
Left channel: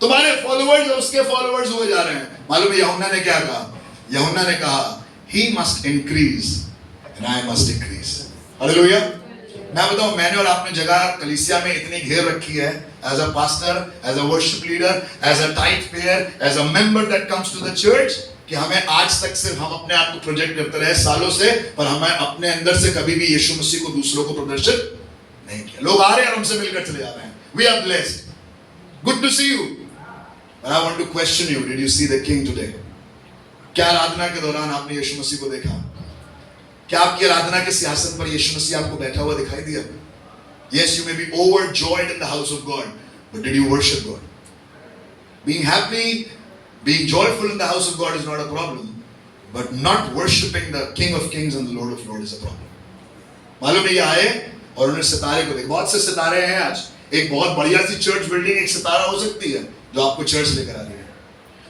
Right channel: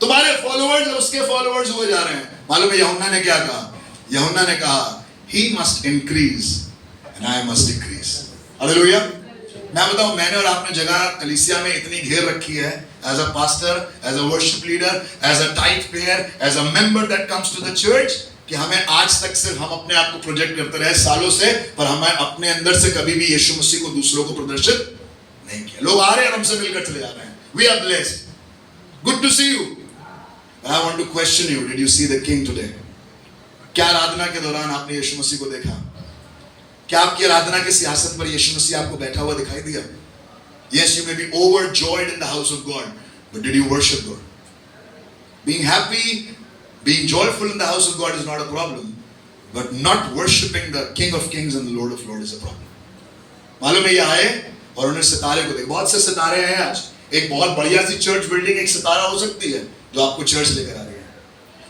तुम्हारे फॉलोअर्स और उसके फॉलोअर्स हुए जा रहे हैं। मालूम है यूहन्ना ने क्या कहा? यूहन्ना ने कहा, he must increase and I must decrease. Hallelujah. मैं बताऊं, मैंने और आपने जगह कलीसिया में इतनी घेर रखी है, as a pastor, as a worship leader, as a tithe payer, as a member that comes to the church, कि हमें आज तक सिर्फ हम अपने आप को प्रोजेक्ट करते रहे सालों से, पर हमें अपने अंदर से कभी भी यीशु मसीह को दूसरों को प्रदर्शित नहीं किया। लोग आ रहे हैं और हमसे मिलकर चले जा रहे हैं। We are blessed. Good to see you. But I want to question you. Did you see the King today? क्या आराधना के दौरान आपने यीशु मसीह को देखा? क्या आपकी आराधना के सियासत पर यीशु मसीह आपको बैठा हुआ दिखाई दिया? Yes, you may be overjoyed in the house of God, but did you worship God? Being happy, being joyful in the house of God is not a problem, but not worshiping the King of Kings and the Lord of Lords is a problem. मालूम है, ये आए और उन्होंने सितारे को देखा। बहुत से सितारे हैं आज। एक बहुत बढ़िया सी चर्च बिल्डिंग एक सितारा हो सकती है जो आपको चर्च लेकर आ रही है।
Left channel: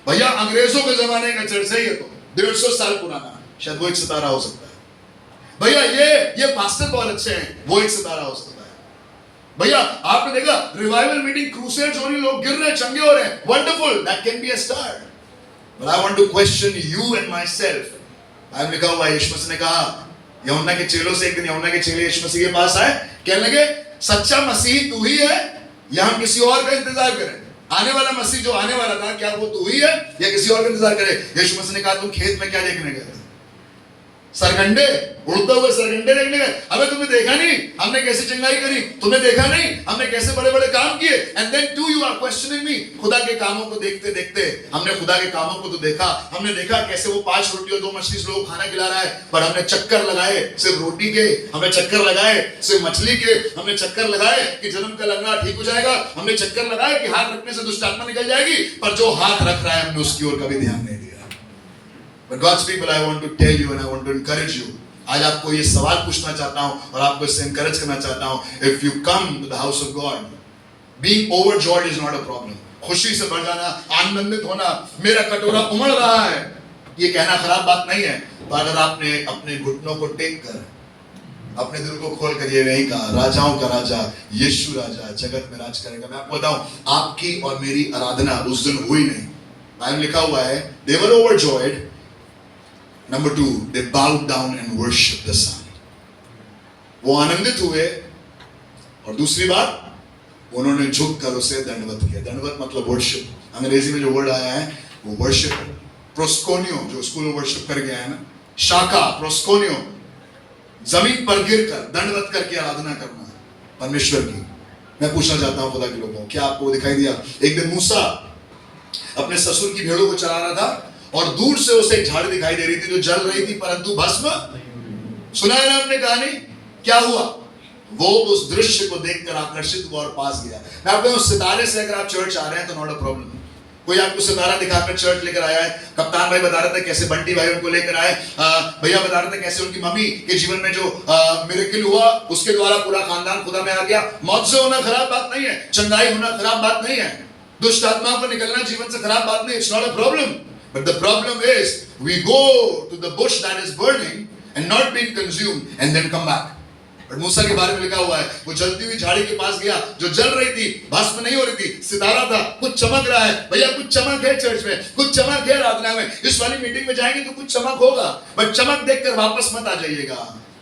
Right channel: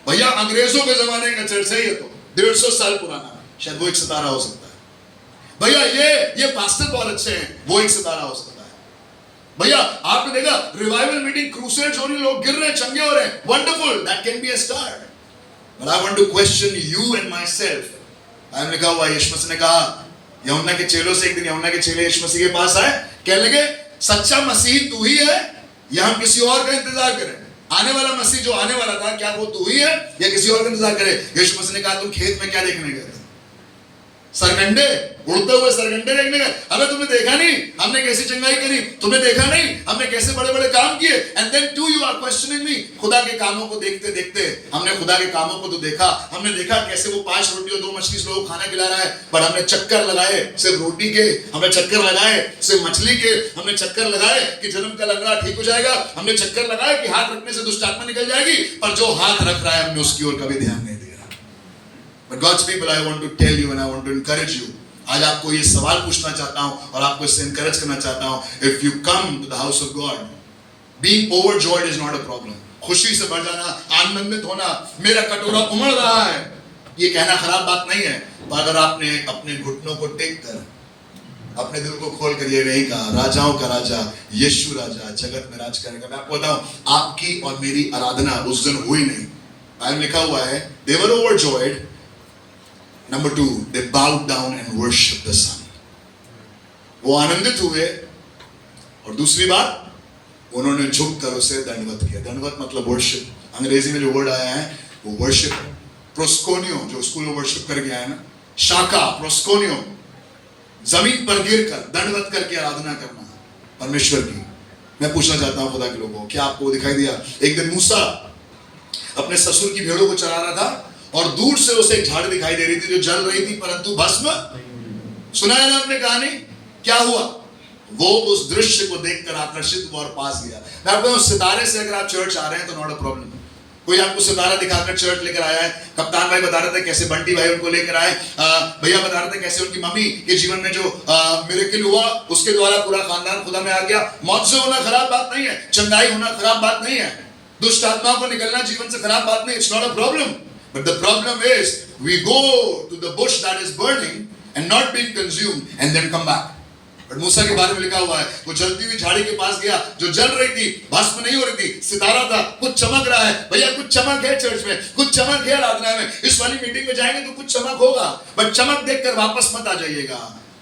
भैया, अंग्रेजों के जमाने का चर्च है ये, तो 150 साल पुराना, शायद वो एक सितारा हो सकता है। भैया, ये पास्टर बहुत अच्छे हैं, वो एक सितारा हो सकता है। भैया, आपने देखा रिवाइवल मीटिंग, क्रूसेड्स हो रही, लोग गिर रहे हैं, चंगे हो रहे हैं, wonderful, that can be a star. But I want to question you and myself. I लिखा हुआ, यीशु मसीह ने कहा, यूहन्ना के चेलों से, एक दिन यूहन्ना के चेले यीशु मसीह के पास आए, कहने लगे, सच्चा मसीह तू ही है या हम किसी और का इंतजार करें? आने वाला मसीह जो आने वाला था, क्या वो तू ही है या किसी और का इंतजार करें? यीशु मसीह ने कहा, तुम खेत में क्या देखने गए थे? सरगंडे, उड़ते हुए सरगंडे देखने गए। अबे तुम्हें देखा नहीं हमने कैसी चंगाई करी? तुम्हें देखा नहीं हमने कैसे बड़े बड़े काम किए? And then to you are questioning me. खुदा के कामों को देखते देखते हमने खुदा के कामों को तो देखा, हमने देखा कैसे वो 5 रोटी और 2 मछली से लोगों को खाना खिला रहा है, पर हमने चक्कर लगाए सिर्फ रोटी के, हमने चक्कर लगाए सिर्फ मछली के, हमने चक्कर लगाए कि जन्म का लंगड़ा ठीक हो जाएगा, हमने चक्कर लगाए कि हाथ रखने से दुष्ट आत्मा निकल जाएगी, पर जो हाथ रख रहा है हमने उसकी ओर कभी ध्यान नहीं दिया। But God's people, I want to tell you and I want to encourage you. आज आपको ये सवाल पूछना चाहता हूँ और आपको इससे encourage करना चाहता हूँ. If you come to the house of God, being overjoyed is not a problem. खुशी से भर जाना, आनंदित होना, मेरा कटोरा उमड़ रहा है, ये कहना खराब बात नहीं है। पर अगर आपने अपने घुटनों को टेक कर, अपने दिल को खोल कर ये नहीं कहा, राजाओं का राजा, यीशु राजा जगत में राज करेगा। मैं आपको बताऊं, आपकी और मेरी आराधना उस दिन हुई नहीं। बाइबल लिखा हुआ है, they were overjoyed. Number 2, they bowed down and worshiped the Son. वो आनंदित हुए, और दूसरी बात, उन्होंने झुक कर उसे दंडवत किया। दंडवत मतलब वर्शिप। अंग्रेजी में जो वर्ड आया है वो वर्शिप है। प्रोस्कोनियो जो स्कूल में वर्शिप कर गया है ना, शाखा प्रोस्कोनियो, जमीन पर गिरकर दंडवत करके आराधना करना परमेश्वर की। मैं पूछना चाहता हूं खुदा के लोगों, क्या आपको दिखाई दिया? एक दिन मूसा अपने ससुर की भेड़ों को चरा रहा था और दूर से उसे एक झाड़ी दिखाई दे रही थी जो जल रही थी परंतु भस्म। सुना है ना आपने कहानी? क्या हुआ? वो उस दृश्य को देखकर आकर्षित हुआ और पास गया। मैं आपको उस सितारे से अगर आप चर्च आ रहे हैं तो नॉट अ प्रॉब्लम। कोई आपको सितारा दिखाकर चर्च लेकर आया है, कप्तान भाई बता रहे थे कैसे बंटी भाई उनको लेकर आए, भैया बता रहे थे कैसे उनकी मम्मी के जीवन में जो मिरेकल हुआ उसके द्वारा पूरा खानदान खुदा में आ गया। मौत से होना खराब बात नहीं है, चंगाई होना खराब बात नहीं है, दुष्ट आत्माओं को निकलना जीवन से खराब बात नहीं। It's not a problem, but the problem is we go to the bush that is burning and not being consumed and then come back. But मूसा के बारे में लिखा हुआ है वो जलती हुई झाड़ी के पास गया जो जल रही थी, भस्म नहीं हो रही थी, सितारा था, कुछ चमक रहा है। भैया कुछ चमक है चर्च में, कुछ चमक है आराधना में, इस वाली मीटिंग में जाएंगे तो कुछ चमक होगा, बट चमक देखकर वापस मत आ जाइएगा।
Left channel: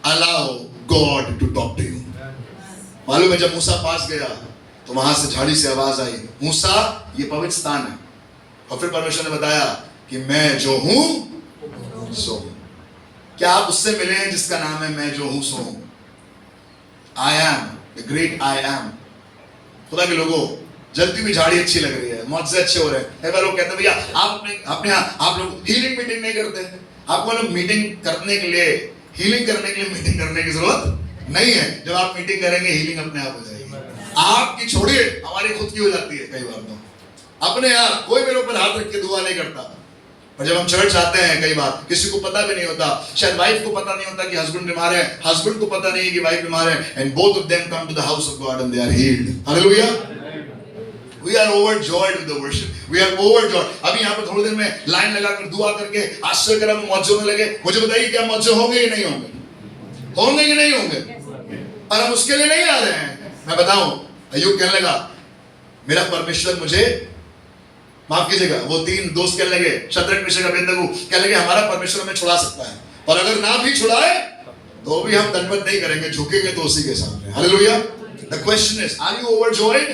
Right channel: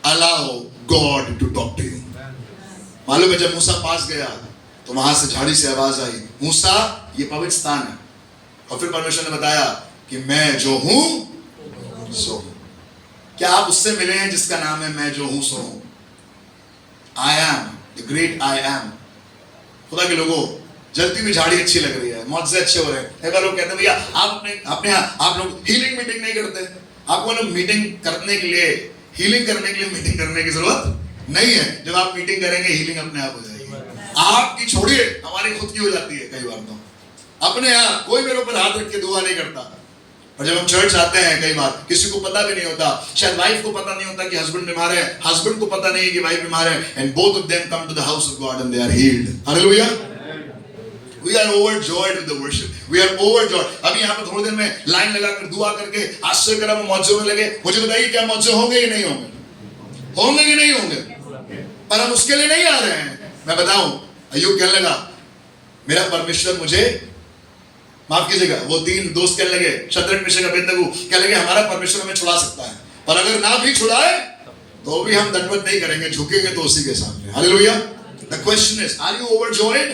Allow God to talk to you. मालूम है जब मूसा पास गया तो वहां से झाड़ी से आवाज आई, मूसा ये पवित्र स्थान है। और फिर परमेश्वर ने बताया कि मैं जो हूं सो हूं। क्या आप उससे मिले हैं जिसका नाम है मैं जो हूं सो हूं? I am the great I am। खुदा के लोगों, जलती हुई झाड़ी अच्छी लग रही है, मौजे अच्छे हो रहे हैं। कई बार लोग कहते हैं भैया आप अपने यहाँ आप लोग हीलिंग मीटिंग नहीं करते। आपको लोग मीटिंग करने के लिए, हीलिंग करने के लिए मीटिंग करने की जरूरत नहीं है। जब आप मीटिंग करेंगे हीलिंग अपने आप हो जाएगी। आपकी छोड़िए, हमारी खुद की हो जाती है कई बार। तो अपने आप कोई मेरे ऊपर हाथ रख के दुआ नहीं करता। और जब हम चर्च आते हैं कई बार किसी को पता भी नहीं होता, शायद वाइफ को पता नहीं होता कि हस्बैंड बीमार है, हस्बैंड को पता नहीं है कि वाइफ बीमार है, and both of them come to the house of God and they are healed. Hallelujah. We are overjoyed with the worship, we are overjoyed. अभी यहाँ पर थोड़ी देर में लाइन लगाकर दुआ करके आश्चर्य करा में मौजे होने लगे। मुझे बताइए क्या मौजे होंगे कि नहीं होंगे? होंगे कि नहीं होंगे? पर हम उसके लिए नहीं आ रहे हैं। मैं बताऊं, अय्यूब कहने लगा मेरा परमेश्वर मुझे माफ कीजिएगा, वो तीन दोस्त कहने लगे, शद्रक मेशक अबेदनगो कहने लगे हमारा परमेश्वर हमें छुड़ा सकता है, पर अगर ना भी छुड़ाए तो भी हम दंडवत नहीं करेंगे, झुकेंगे तो उसी के सामने। Hallelujah. The question is, are you overjoyed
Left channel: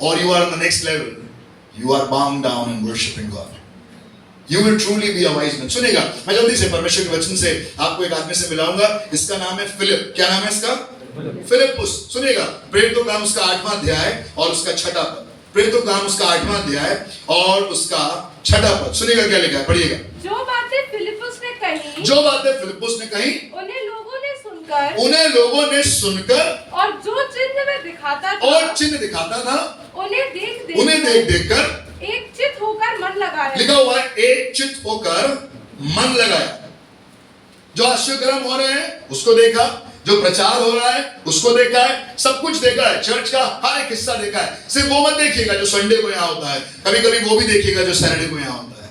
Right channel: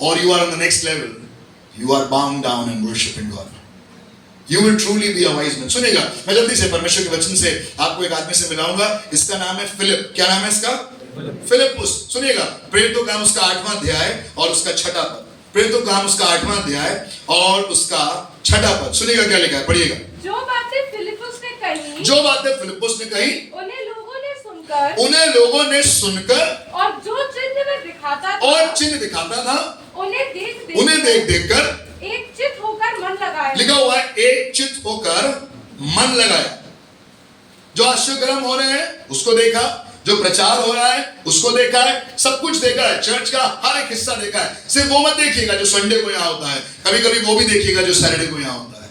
और you are on the next level? You are bound down in worshipping God. You will truly be a wise man। सुनिएगा, मैं जल्दी से परमेश्वर के वचन से आपको एक आदमी से मिलाऊंगा। इसका नाम है फिलिप। क्या नाम है इसका? फिलिपुस। सुनिएगा, प्रेरितों का काम उसका 8वां अध्याय और उसका 6वां पद। प्रेरितों का काम उसका 8वां अध्याय और उसका 6वां पद। सुनिएगा क्या लिखा है, पढ़िएगा। जो बातें फिलिपुस ने कही, जो बातें फिलिपुस ने कही, उन्हें लोगों ने सुनकर और जो चिन्ह में दिखाता था, और चिन्ह दिखाता था, उन्हें देख देख कर एक चित्त होकर मन लगाया। लिखा हुआ है एक चित्त होकर मन लगाया। जो आश्चर्यकर्म हो रहे हैं उसको देखा, जो प्रचार हो रहा है उसको देखा है, सब कुछ देखा है, चर्च का हर एक हिस्सा देखा है। सिर्फ वो मत देखिएगा जो संडे को यहाँ होता है, कभी कभी वो भी देखिएगा जो सैटरडे को यहाँ होता है।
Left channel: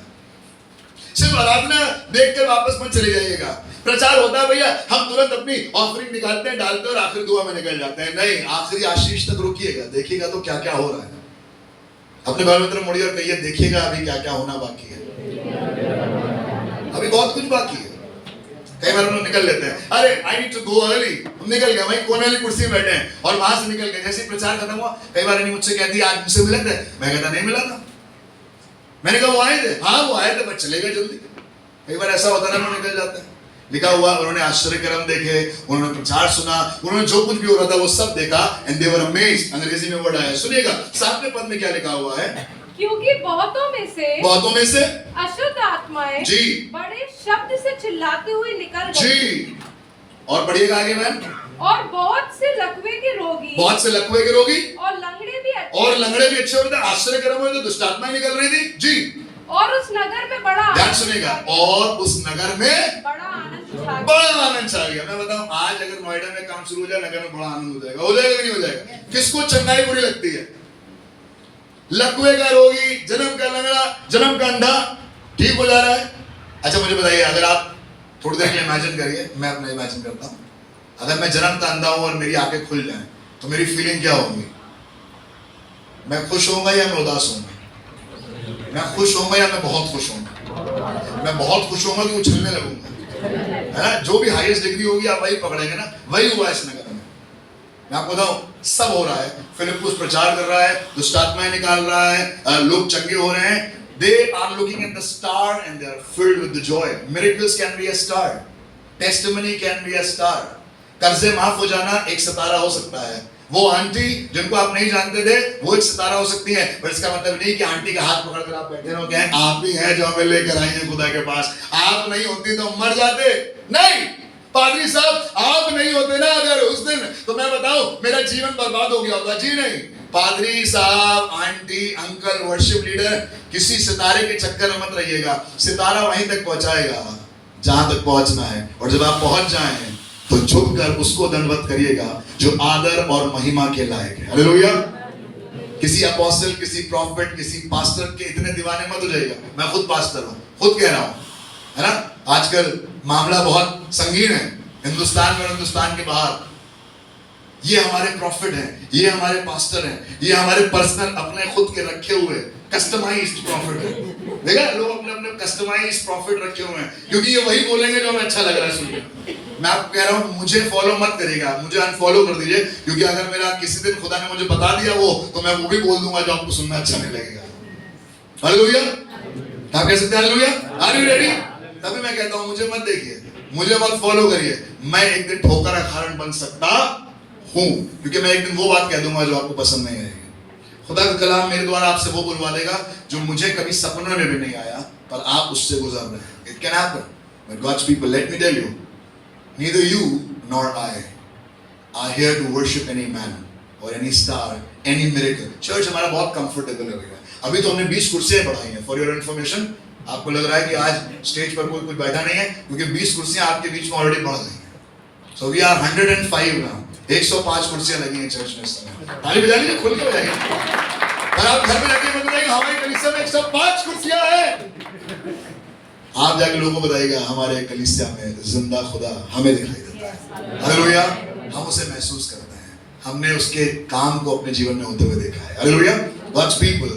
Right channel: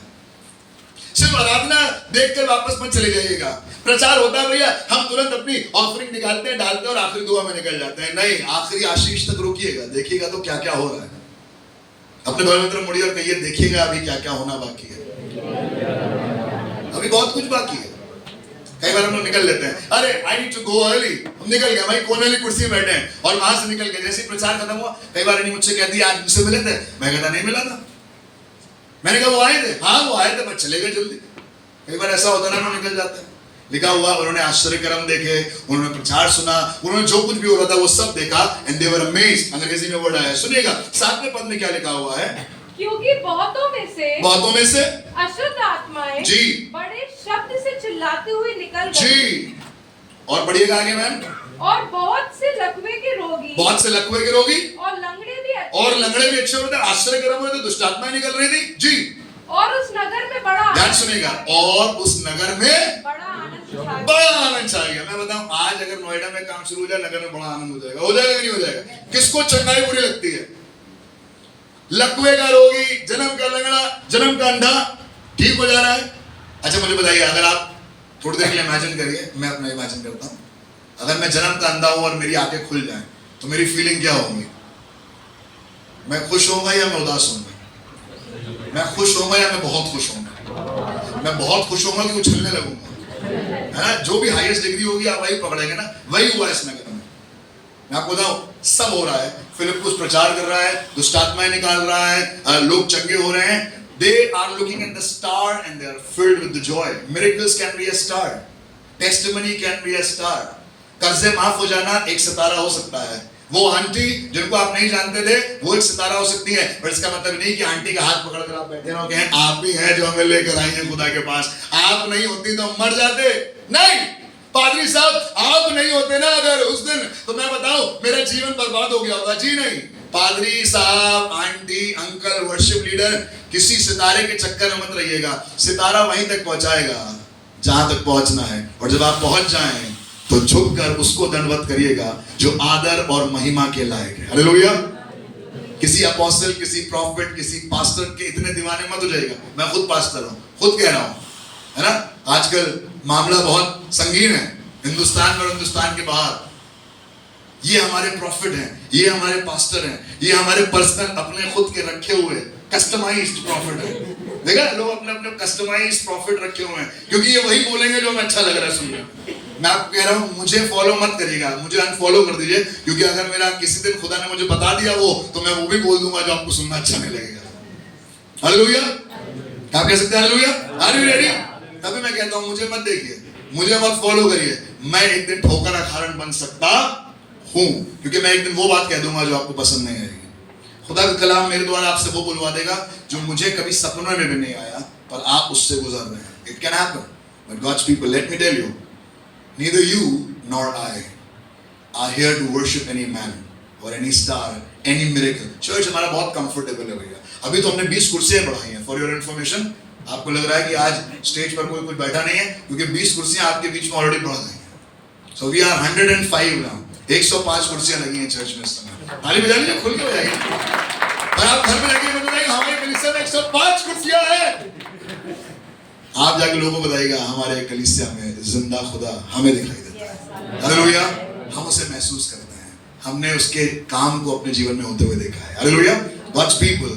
सिर्फ आराधना देखकर वापस मत चले जाइएगा। प्रचार होता है भैया, हम तुरंत अपनी ऑफरिंग निकालते हैं, डालते हैं और आखिरी दुआ में निकल जाते हैं। नहीं, आखिरी आशीष तक रुकिएगा, देखिएगा तो क्या क्या हो रहा है। अपने बाल में तरफ मुड़िए और कहिए देखिएगा अभी क्या क्या होना बाकी है, अभी बहुत कुछ बाकी है। कई बार हम लोग निकल लेते हैं, अरे I need to go early, हम निकल गए भाई, कोने वाली कुर्सी में बैठे हैं और वहां से निकल गए। जैसे प्रचार खत्म हुआ, कई बार इन्हीं मुझसे कहती है आज मुझसे मिले थे, मैं कहता नहीं मिला था। मैंने कहा वो आए थे, हाँ वो आए थे पर चले गए जल्दी। कई बार ऐसा होता है ना, निकल जाते हैं। लिखा हुआ उन्होंने आश्चर्यकर्म देखे, उन्होंने प्रचार सुना, उन्होंने जो कुछ भी हो रहा था वो सब देखा, एंड दे वर अमेज्ड। अंग्रेजी में वर्ड आया, सुनिएगा 7वें पद में क्या लिखा हुआ है, क्योंकि बहुतों में से अशुद्ध आत्माएं जी बड़े शब्द से चिल्लाती हुई निकल गई जी। और पढ़िएगा आगे मैम। और बहुत से लकवे के रोगी और लंगड़े भी अच्छे हो रहे थे, आश्चर्यकर्म हुए तो दुष्ट आत्माएं निकल रही थी जी। और उस नगर में बड़ा, ध्यान सुनिएगा, और उस नगर में बड़ा आनंद छाएगा। मैं बताऊं, आज अगर नोएडा में काम शुरू हो जाए, नगर में बड़ा आनंद हो जाएगा। हो जाएगा कि नहीं हो जाएगा? किसको चंगाई बुरी लगती है? लकवे का रोगी, जन्म का लंगड़ा, जन्म का अंधा ठीक हो जा रहा है। अच्छा मुझे बताइए, अगर आप थोड़ी देर के लिए इमेजिन करिए, मैं अपना इमेजिन करता हूं, अगर मैं जन्म का अंधा हूं और मेरी आंखें खुल जाएं तो मेरी फीलिंग क्या होगी? मैं खुश होऊंगा या मैं उदास होऊंगा? मैं खुश होऊंगा या मैं बहुत खुश होऊंगा? मैं बहुत खुश होऊंगा कि उछलने लगूंगा, है ना? जो भी हाईएस्ट डिग्री होगी आप वही पकड़ेंगे ना। वही हुआ इस नगर में। मैं आपको बताऊं, सब हो रहा है। फिलिप्पुस प्रचार कर रहा है, दुष्ट आत्माएं निकाल रहा है, लोग चंगे हो रहे हैं। They are looking at the star and they are filled with the joy. Miracles can be a star. Testimony can be a star. कर्जे माफ हो जाना एक सितारा हो सकता है। वो आंटी जिनको आप नहीं जानते थे वो एक सितारा हो सकती है, पर इसका मतलब नहीं कि आंटी का हाथ पकड़ कर आप बैठे रहोगे, आप ही हैं जो हमें लेकर आई हैं खुदा के पास। आप नहीं होती तो हम मर जाते। नहीं, पादरी साहब आप नहीं होते ना अगर उस दिन, तो मैं बताऊं मेरा जीवन बर्बाद हो गया होगा। जी नहीं, पादरी साहब, आंटी, अंकल, वर्शिप लीडर, किसी सितारे के चक्कर में मत रहिएगा। सितारा वहीं तक पहुंचाएगा जहां तक पहुंचना है, और जब आप पहुंच जाएं तो झुककर उसको दंडवत करिएगा जो आदर और महिमा के लायक है। हालेलुया। किसी अपोस्टल, किसी प्रॉफिट, किसी पास्टर के इतने दीवाने मत हो जाइएगा। मैं खुद पास्टर हूं, खुद कह रहा हूं, है ना। आजकल मामला बहुत संगीन है हिंदुस्तान में और हिंदुस्तान के बाहर। ये हमारे प्रॉफिट हैं, ये हमारे पास्टर हैं, ये हमारे पर्सनल अपने खुद के रखे हुए कस्टमाइज्ड प्रॉफिट है। देखा, लोग अपने अपने कस्टमाइज्ड प्रॉफिट रखे हुए हैं, क्योंकि ये वही बोलेंगे जो हमें अच्छा लग रहा है सुनने। मैं आपको कह रहा हूं, मुझे फॉलो मत करिएगा, मुझे अनफॉलो कर दीजिए, क्योंकि अगर मेरा किसी दिन खुदा ने मुझे बता दिया वो, तो मैं वो भी बोल दूंगा जो आपको सुनना अच्छा नहीं लगेगा। हालेलुया। आप कह सकते हैं हालेलुया? Are you ready? तभी मैं कहता हूं मुझे मत देखिए, मुझे मत फॉलो करिए। मैं एक दिन ठोकर का कारण बन सकता हूं, क्योंकि मैं एक दिन वो बात कह दूंगा जो आपको पसंद नहीं आएगी। खुदा का कलाम मेरे द्वारा आपसे वो बुलवा देगा जो मुझे कभी सपनों में भी नहीं आया, पर आप उससे गुजर रहे हैं। It can happen, but God's people, let me tell you, neither you nor I are here to worship any man or any star, any miracle. Church हमारा बहुत कंफर्टेबल है भैया। अभी तो हमने 20 कुर्सियां बढ़ाई हैं, फॉर योर इन्फॉर्मेशन। आपको लग रहा है कि आज स्टेज पर कोई बैठा नहीं है, क्योंकि 20 कुर्सियां आपके बीच में ऑलरेडी बढ़ गई हैं। So we are 105 now. 105 कुर्सियां लगी हैं चर्च में इस समय। ताली बजा लीजिए, खुल के बजाइए। और आप घर में जाके बताइए हमारे कलीसिया में 105 कुर्सियां हैं। आप जाके लोगों को बताइएगा हमारे कलीसिया में जिंदा खुदा हमें दिखाई देता है। हालेलुया। हम उसे महसूस करते हैं, हमने उसके काम को अपने जीवन में होते हुए देखा है। Hallelujah. God's people,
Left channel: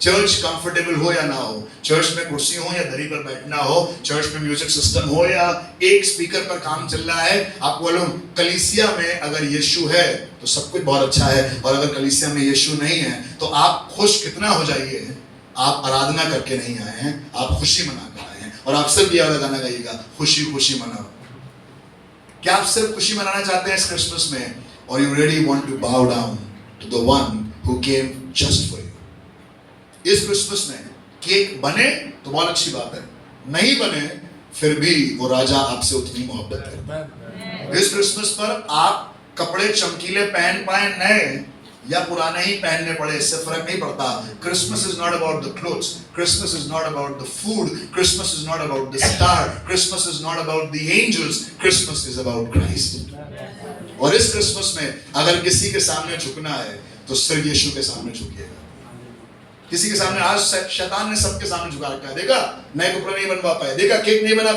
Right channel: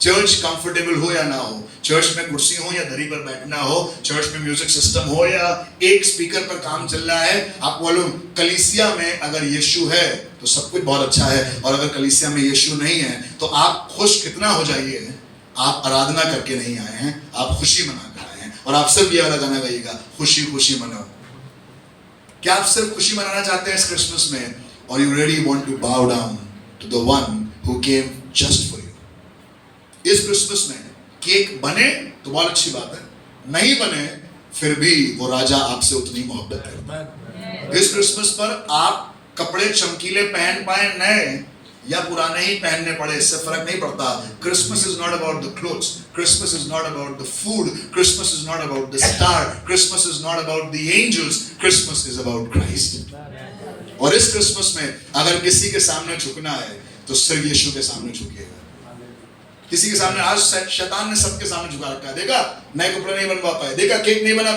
church comfortable हो या ना हो, चर्च में कुर्सी हो या दरी पर बैठना हो, चर्च में म्यूजिक सिस्टम हो या एक स्पीकर पर काम चल रहा है, आपको मालूम कलीसिया में अगर यीशु है तो सब कुछ बहुत अच्छा है, और अगर कलीसिया में यीशु नहीं है तो आप खुश कितना हो जाइए। आप आराधना करके नहीं आए हैं, आप खुशी मना कर आए हैं। और आप सिर्फ ये वाला गाना गाइएगा, खुशी खुशी मनाओ। क्या आप सिर्फ खुशी मनाना चाहते हैं इस क्रिसमस में, और you really want to bow down to the one who came just for you? इस क्रिसमस में केक बने तो बहुत अच्छी बात है, नहीं बने फिर भी वो राजा आपसे उतनी मोहब्बत करता है। इस क्रिसमस पर आप कपड़े चमकीले पहन पाए नए या पुराने ही पहनने पड़े, इससे फर्क नहीं पड़ता। Christmas is not about the clothes, Christmas is not about the food, Christmas is not about the star, Christmas is not about the angels, Christmas is about Christ. और इस क्रिसमस में अगर किसी के सामने झुकना है तो सिर्फ यीशु के सामने झुकिएगा। किसी के सामने, आज शैतान ने सबके सामने झुका रखा है। देखा नए कपड़े नहीं बनवा पाए, देखा केक नहीं बना,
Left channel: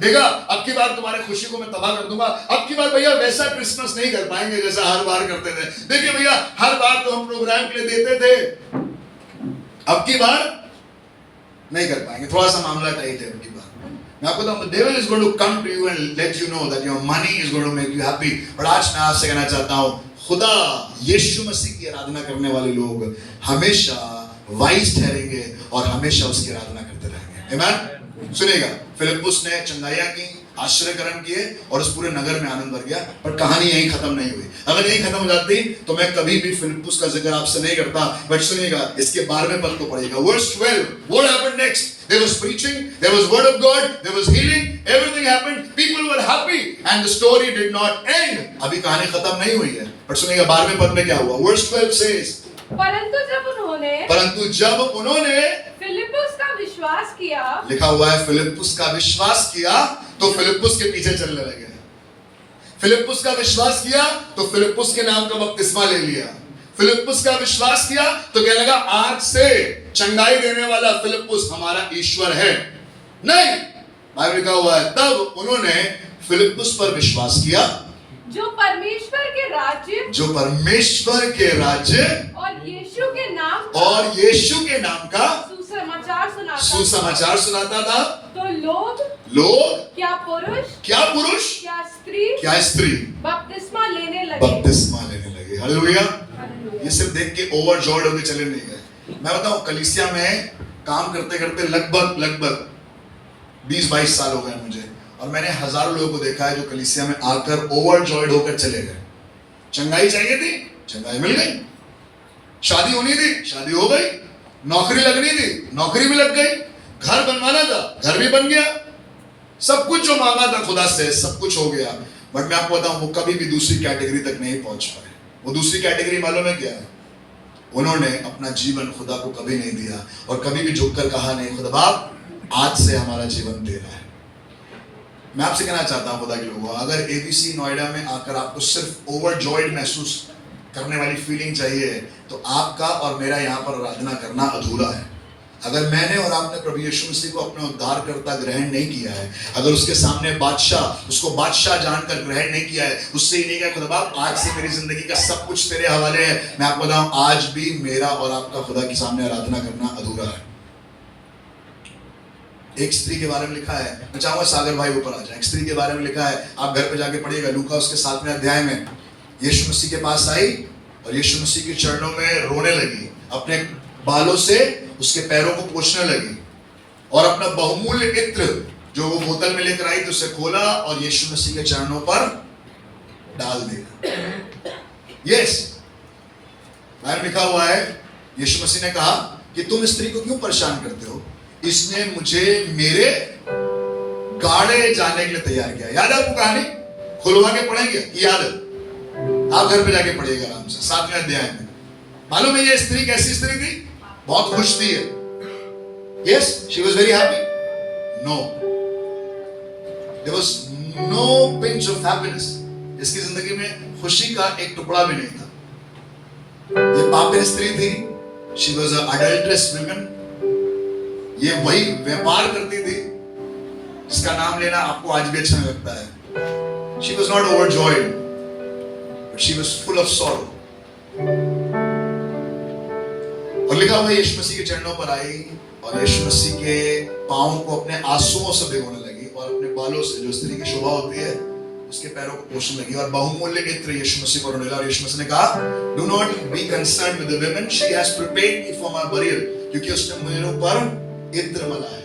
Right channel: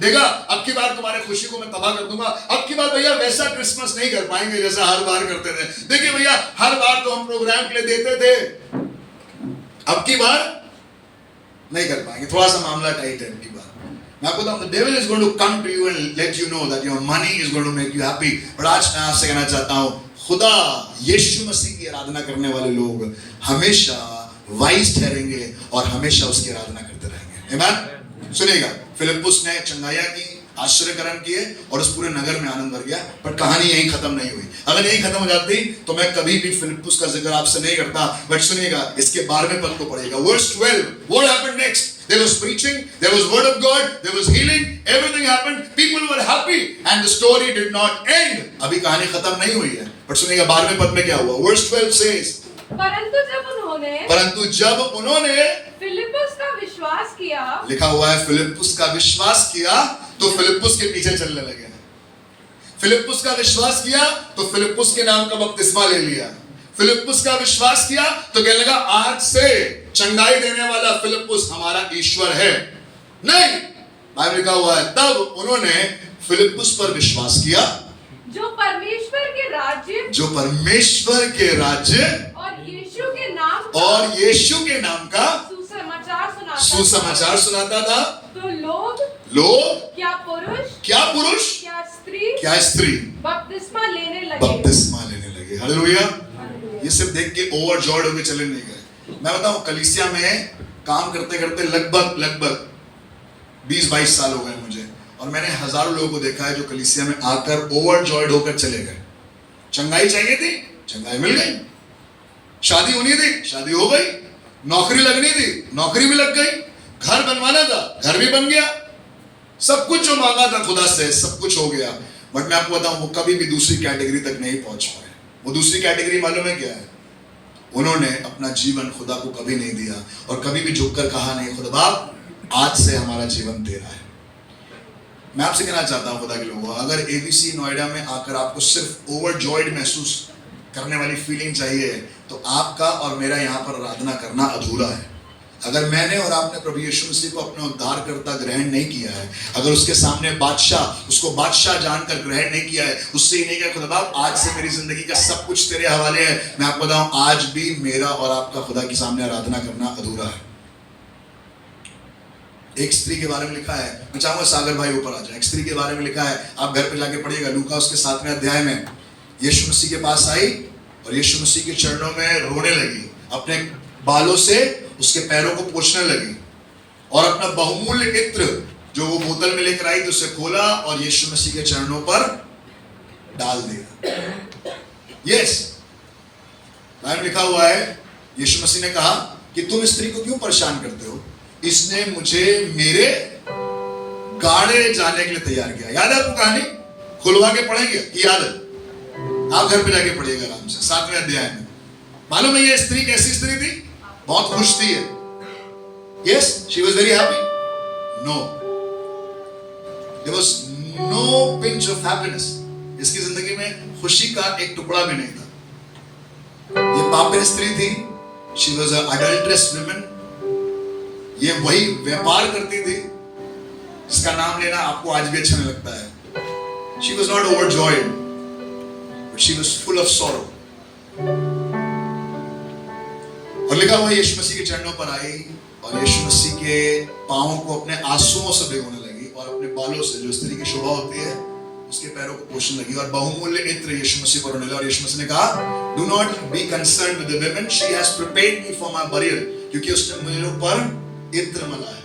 देखा अब की बार तुम्हारे खुशी को मैं तबाह कर दूंगा, अब की बार भैया वैसा क्रिसमस नहीं कर पाएंगे जैसा हर बार करते थे। देखिए भैया हर बार तो हम प्रोग्राम के लिए देते थे, अब की बार नहीं कर पाएंगे, थोड़ा सा मामला टाइट है अब की बार। मैं आपको बताऊं, the devil is going to come to you and let you know that your money is going to make you happy। और आज मैं आपसे कहना चाहता हूं, खुदा यीशु मसीह की आराधना करने वाले लोग हमेशा वाइज ठहरेंगे और हमेशा उसकी आराधना करते रहेंगे। आमीन। सुनिएगा, फिलिप्पुस ने चंगाइयां की, आश्चर्य कर्म किए और उस पूरे नगर में आनंद भर गया, पर कहानी यहीं खत्म नहीं हुई। अगर यहीं खत्म हो जाती तो मैं कभी भी फिलिप्पुस का जिक्र आपसे नहीं करता। बट सुनिएगा, इसके 12वें पद को पढ़िएगा, verse 12। What happened next? There was preaching, there was word of God, there was healing, everything happened, people were happy and the story did not end। अभी कहानी खत्म नहीं हुई है, पर सुनिएगा 12वें पद में क्या हुआ। वर्स 12 says, परंतु जब उन्होंने फिलिप्पुस का विश्वास किया, लिखा हुआ है फिलिप्पुस का विश्वास किया तो फिलिप्पुस के पीछे चलने लगे। फिलिप्पुस का विश्वास किया तो फिलिप्पुस के नाम का बपतिस्मा ले लिया। फिलिप्पुस का विश्वास किया तो कहने लगा आज से चंगाई देने वाला फिलिप्पुस हमारा ईश्वर है। नहीं, बाइबल लिखा हुआ है तब उन्होंने फिलिप्पुस पर विश्वास किया जो परमेश्वर के राज्य और यीशु के नाम का सुसमाचार सुनाता था। तो लोग क्या पुरुष, क्या क्या स्त्री बपतिस्मा लेने लगी। हालेलुया। ये सिर्फ देख के ओवरजॉयड होके चले नहीं गए। मैं बताऊं, कलीसिया में काम करते करते लगभग 20-22 साल हो गए मुझे, और मैंने हजारों लोगों को देखा है जो कलीसिया में आकर ओवरजॉयड होकर चले गए। चंगाई चाहिए थी, चंगाई मिल गई। शादी होनी थी, शादी हो गई। नौकरी लगनी थी, नौकरी भी लग गई। घर बनवाना था, घर भी बन गया। सब कुछ जो मांगा था खुदा से, सब कुछ हो गया। बट मैं आपको बताऊं, वो कभी भी दूसरी कैटेगरी तक नहीं पहुंच पाए। वो दूसरी कैटेगरी मालूम है क्या है? उन्होंने अपना जीवन खुदा को कभी नहीं दिया, और कभी भी झुककर कहा नहीं, खुदा बाप आज से हमारा जीवन तेरा है। मैं आपसे कहना चाहता हूं खुदा के लोगों, अगर एबीसी नोएडा में आकर आपको सिर्फ ओवरजॉयड महसूस करने वाली फीलिंग चाहिए, तो आपका और मेरा यहाँ पर आराधना करना अधूरा है। अगर मैंने और आपने प्रभु यीशु मसीह को अपना उद्धारकर्ता ग्रहण नहीं किया है, अगर उसके सामने उसको बादशाह जानकर ग्रहण नहीं किया है, उससे ही नहीं किया खुदा बाप आज से मेरी जिंदगी का सब कुछ तेरे हवाले है, मैं आपको बताऊं आज भी मेरा और आपका खुदा के सामने आराधना करना अधूरा है। एक स्त्री के बारे में लिखा है, मैं चाहूंगा सागर भाई ऊपर आ जाए। एक स्त्री के बारे में लिखा है, आप घर पे जाके पढ़िएगा। लूका उसके 7वें अध्याय में यीशु मसीह के पास आई और यीशु मसीह के चरणों में रोने लगी, अपने बालों से उसके पैरों को पोंछने लगी, और अपना बहुमूल्य इत्र जो वो बोतल में लेकर आई तो उसे खोला और यीशु मसीह के चरणों पर डाल दिया। यस, बाइबल लिखा हुआ है, यीशु मसीह ने कहा कि तुम स्त्री को क्यों परेशान करते हो, इसने मुझे मेरे गाड़े जाने के लिए तैयार किया। याद है आपको कहानी? खुलवा के पढ़ेंगे कि याद है? आप घर पे जाके पढ़िएगा आराम से 7वें अध्याय में। मालूम है ये स्त्री कैसी स्त्री थी? बहुत खुश थी। Yes, she was very happy. No, there was no pinch of happiness. इसकी जिंदगी में खुशी का एक टुकड़ा भी नहीं था। ये पापिन स्त्री थी। She was an adulterous woman. ये वही व्यापार करती थी जिसका नाम लेना आपको आज भी अच्छा नहीं लगता है। She was not overjoyed, but she was full of sorrow. और लिखा हुआ यीशु मसीह के चरणों पर आई और यीशु मसीह के पांवों को अपने आंसुओं से भिगोने लगी, और अपने बालों से, जो स्त्री की शोभा होती है, उसके पैरों को पोंछने लगी, और बहुमूल्य इत्र यीशु मसीह पर डाला। और यीशु मसीह ने कहा, do not be concerned with the woman, she has prepared me for my burial, क्योंकि उसने मेरे ऊपर इत्र मला है।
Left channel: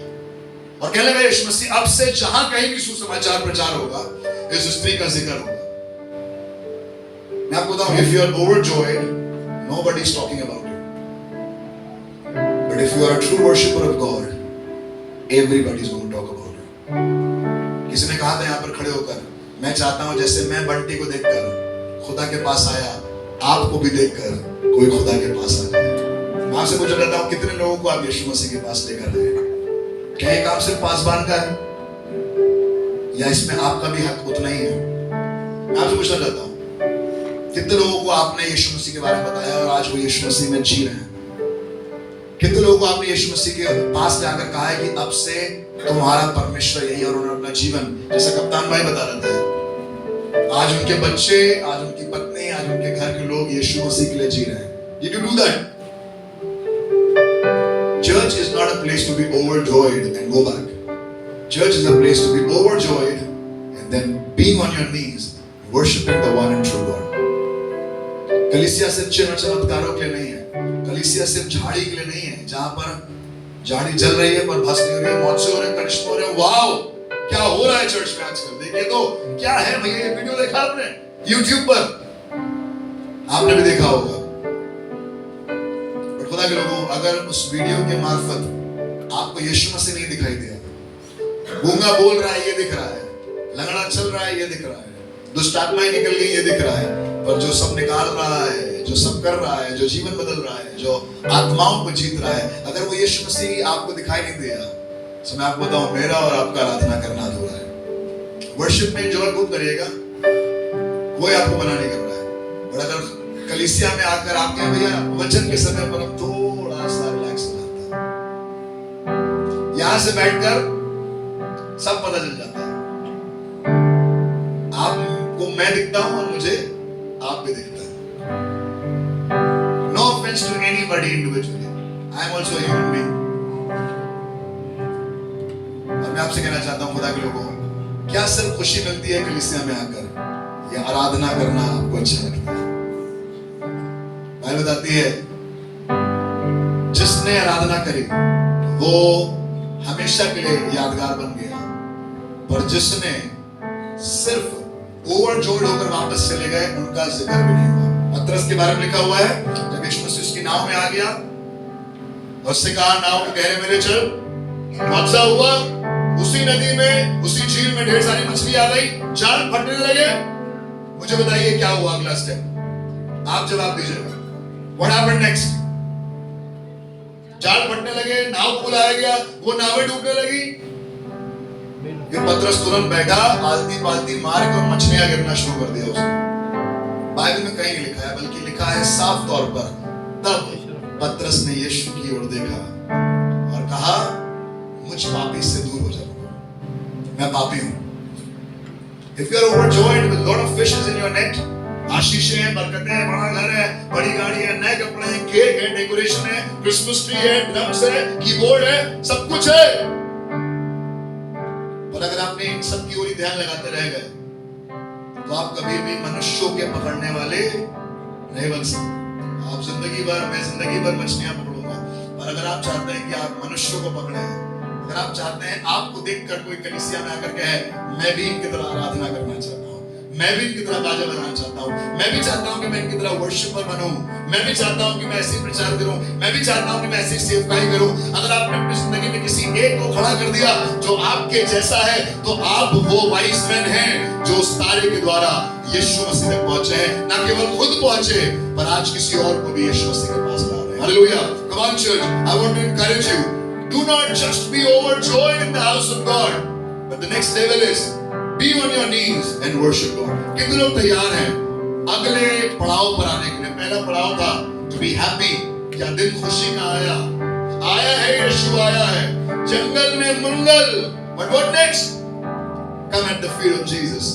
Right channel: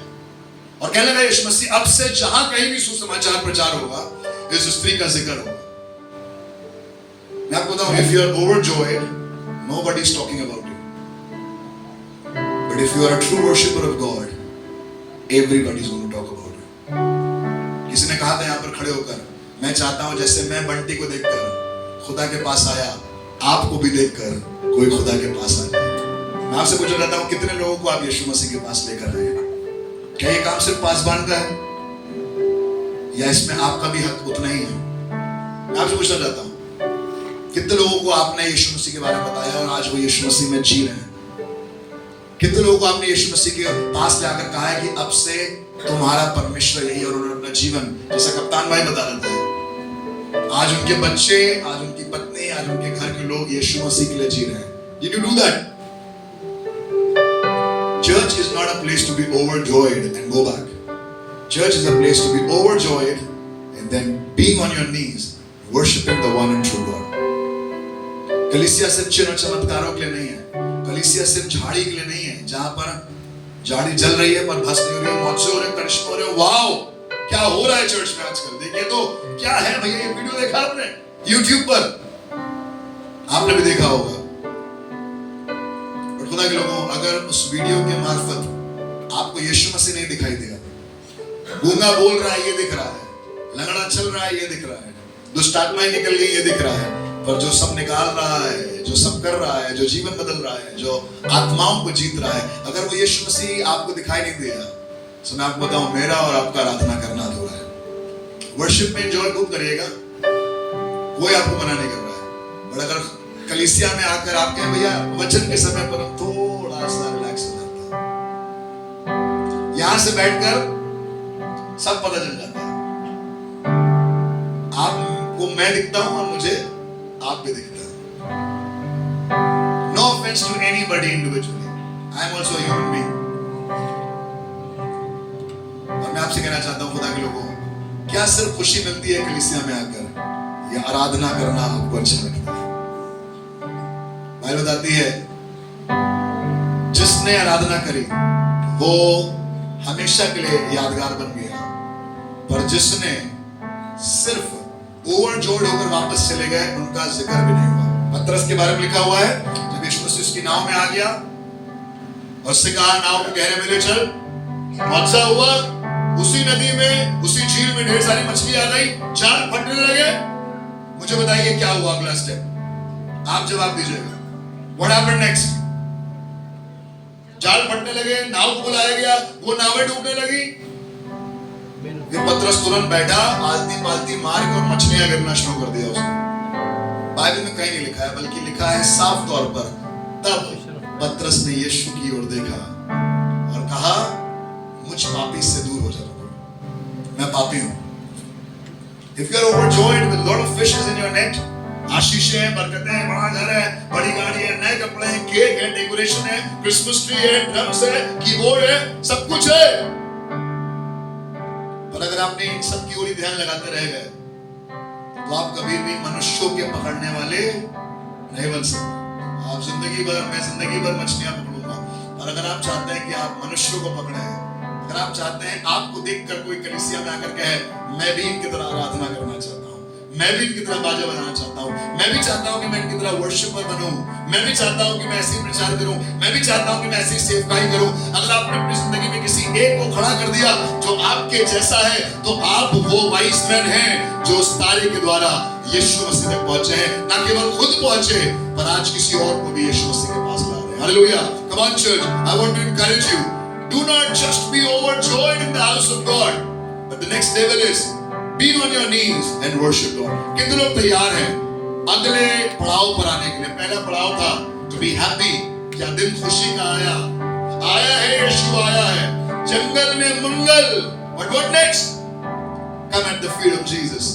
और कहने लगा यीशु मसीह, अब से जहां कहीं भी सुसमाचार प्रचार होगा, इस स्त्री का जिक्र होगा। मैं आपको बताऊं, if you are overjoyed, nobody is talking about you, but if you are a true worshipper of God, everybody is going to talk about you. किसी ने कहा था यहां पर खड़े होकर, मैं चाहता हूं जैसे मैं बंटी को देखकर खुदा के पास आया, आपको भी देखकर कोई खुदा के पास आ जाए। मैं आपसे पूछना चाहता हूं, कितने लोगों को आप यीशु मसीह के पास लेकर आए? क्या ये काम सिर्फ पासबान का है, या इसमें आपका भी हक उतना ही है? मैं आपसे पूछना चाहता हूं, कितने लोगों को आपने यीशु मसीह के बारे में बताया और आज वो यीशु मसीह में जी रहे हैं? कितने लोगों को आपने यीशु मसीह के पास जाकर कहा है कि अब से तुम्हारा परमेश्वर यही, और उन्होंने अपना जीवन, जैसा कप्तान भाई बता रहे थे, आज उनके बच्चे, आज उनकी पत्नी, आज उनके घर के लोग यीशु मसीह के लिए जी रहे हैं? Did you do that? Church is not a place to be overjoyed and go back. Church is a place to be overjoyed and then being on your knees, worshiping the one and true God. कलीसिया सिर्फ चिन्ह चमत्कारों के लिए नहीं है। कलीसिया सिर्फ झाड़ी के लिए नहीं है, जहां पर झाड़ी जल रही है पर भस्म हो रही है, मौत हो रहे, करिश्मे हो रहे। वाओ, क्या हो रहा है चर्च में आजकल? देखिए तो क्या है भैया, ये वीडियो देखा आपने YouTube पर? आपने भी देखा होगा। और खुदा के लोगों, अगर उस वीडियो के मार्फत आपको यीशु मसीह नहीं दिखाई दिया, गूंगा बोल रहा है ये दिख रहा है, लंगड़ा चल रहा है ये दिख रहा है, दुष्ट आत्माएं निकल गई ये दिख रहा है, पर जो सब निकाल रहा है, जो सब कर रहा है, जो जीवन बदल रहा है, जो आत्माओं को जीत रहा है, अगर वो यीशु मसीह आपको दिखाई नहीं दिया, तो मैं आपको बताऊं, मेरा और आपका आराधना करना अधूरा है। वर्शिप में एंजॉय खूब करिएगा, कोई आपको मना नहीं कर रहा है, और अगर कलीसिया में आकर आप कहें भैया वचन के समय पर हम थोड़ा सा रिलैक्स हो जाता है, यहां से बैठकर सब पता चल जाता है। आपको मैं दिखता हूं और मुझे आप भी दिखता है। No offence to anybody individually, I am also human being. और मैं आपसे कहना चाहता हूं खुदा के लोगों, क्या सिर्फ खुशी मिलती है कलीसिया में आकर, या आराधना करना आपको अच्छा लगता है? बाइबल बताती है जिसने आराधना करी वो हमेशा के लिए यादगार बन गया, पर जिसने सिर्फ ओवरजोर्ड होकर वापस चले गए उनका जिक्र भी नहीं हुआ। पतरस के बारे में लिखा हुआ है, जब यीशु मसीह उसकी नाव में आ गया और उससे कहा नाव को गहरे में ले चल, हादसा हुआ, उसी नदी में उसी झील में ढेर सारी मछली आ गई, जाल फटने लगे। मुझे बताइए क्या हुआ अगला स्टेप, आप जवाब दीजिएगा। What happened next? जाल फटने लगे, नाव को बुलाया गया, वो नावें डूबने लगी। फिर पतरस तुरंत बैठा, आलती पालती मार के और मछलियां गिरना शुरू कर दिया उसने। बाइबल में कहीं नहीं लिखा है, बल्कि लिखा है साफ तौर पर, तब पतरस ने यीशु की ओर देखा और कहा मुझ पापी से दूर हो जा, मैं पापी हूं। If you are overjoyed with a lot of fishes in your net, आशीषें हैं, बरकतें हैं, बड़ा घर है, बड़ी गाड़ी है, नए कपड़े हैं, केक है, डेकोरेशन है, क्रिसमस ट्री है, ड्रम्स है, कीबोर्ड है, सब कुछ है, पर अगर आपने इन सब की ओर ध्यान लगाते रह गए तो आप कभी भी मनुष्यों के पकड़ने वाले नहीं बन सकते। आप जिंदगी भर, मैं जिंदगी भर मछलियां पकड़ूंगा, पर अगर आप चाहते हैं कि आप मनुष्यों को पकड़े, अगर आप चाहते हैं आपको देखकर कोई कलीसिया में आकर कहे मैं भी इनकी तरह आराधना करना चाहता हूं, मैं भी इनकी तरह बाजा बजाना चाहता हूं, मैं भी चाहता हूं कि मैं इनकी तरह वर्शिपर बनूं, मैं भी चाहता हूं कि मैं ऐसे प्रचार करूं, मैं भी चाहता हूं कि मैं ऐसी सेवकाई करूं। अगर आपने अपनी जिंदगी में किसी एक को खड़ा कर दिया जो आपके जैसा है, तो आप वो वाइस मैन हैं जो उस तारे के द्वारा यीशु मसीह तक पहुंचे हैं। ना केवल खुद पहुंचे, पर आज किसी और को भी यीशु मसीह के पास ला रहे हैं। Hallelujah. Come on church, I want to encourage you, do not just be overjoyed in the house of God, but the next level is be on your knees and worship God. कितने लोग तैयार हैं अगले पड़ाव पर आने के लिए? पहला पड़ाव था to be happy, क्या दिन खुशी का आया, आया है यीशु, आया है जंगल में मंगल, but what next? Come at the feet of Jesus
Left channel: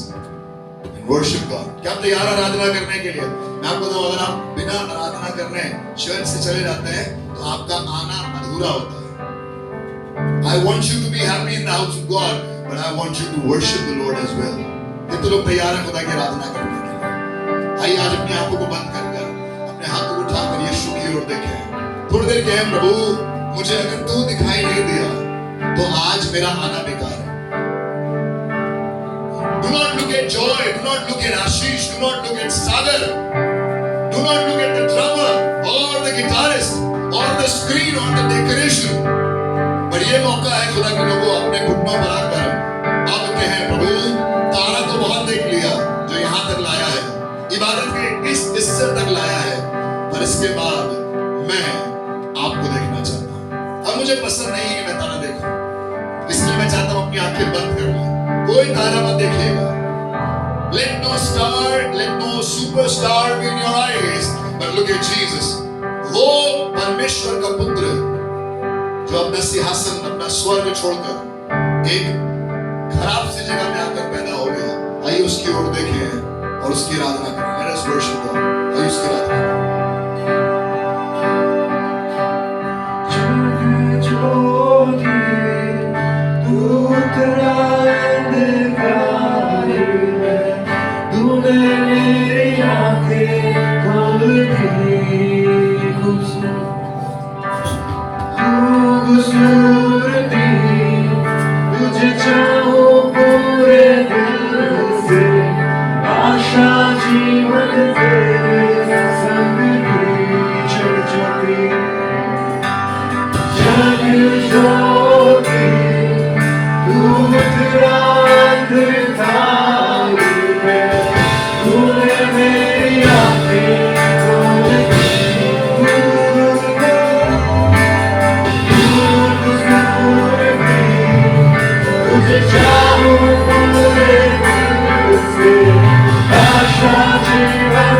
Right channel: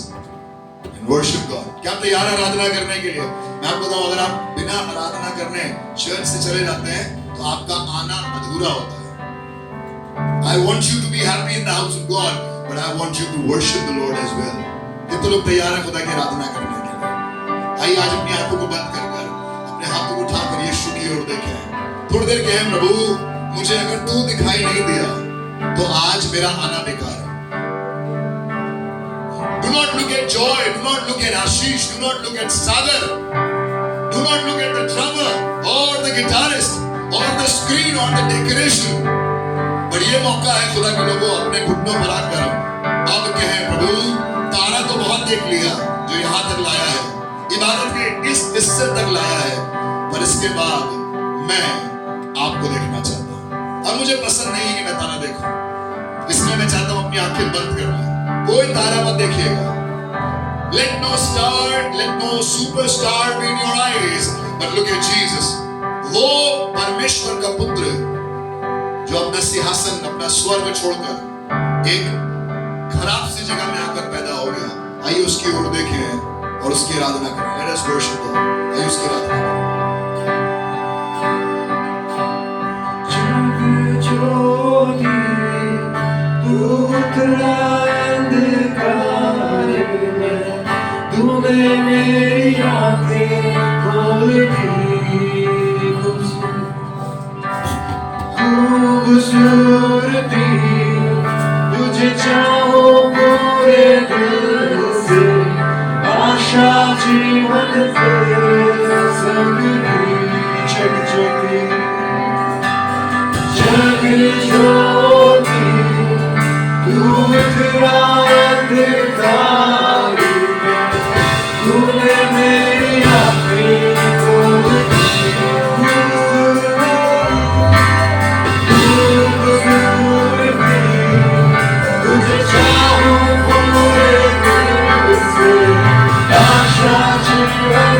and worship God. क्या आप तैयार हैं आराधना करने के लिए? मैं आपको बताऊं, अगर आप बिना आराधना करने चर्च से चले जाते हैं तो आपका आना अधूरा होता है। I want you to be happy in the house of God, but I want you to worship the Lord as well. कितने लोग तैयार हैं खुदा की आराधना करने के लिए? आइए आज अपनी आंखों को बंद कर अपने हाथों को उठाकर यीशु की ओर देखें। थोड़ी देर कहें प्रभु मुझे अगर तू दिखाई नहीं दिया तो आज मेरा आना बेकार है। Do not look at Joy, do not look at Ashish, do not look at Sagar, do not look at the drummer or the guitarist or the screen or the decoration. पर ये मौका है खुदा के लोगों, अपने घुटनों पर आकर अब कहें प्रभु तारा तो बहुत देख लिया जो यहाँ तक लाया है, इबादत के इस हिस्से तक लाया है, पर इसके बाद मैं आपको देखना चाहता हूँ। अब मुझे पसंद नहीं है कि मैं तारा देखूं, इसलिए मैं चाहता हूँ अपनी आंखें बंद कर लूं, कोई तारा मत देखिएगा। Let no star, let no superstar be in your eyes, but look at Jesus. वो परमेश्वर का पुत्र जो अपना सिंहासन, अपना स्वर्ग छोड़कर एक खराब सी जगह में आकर पैदा हो गया। आइए उसकी ओर देखें और उसकी आराधना करें। Let us worship God. आइए उसकी आराधना करें। जग ज्योति तू उतरा अंधकार में, तूने मेरी आंखें खोल दी। खूबसूरती तुझे चाहो पूरे दिल से, आशा जीवन के संग की चकचकी। जग ज्योति तू उतरा अंधकार में, तूने मेरी आंखें खोल दी। आशा जीवन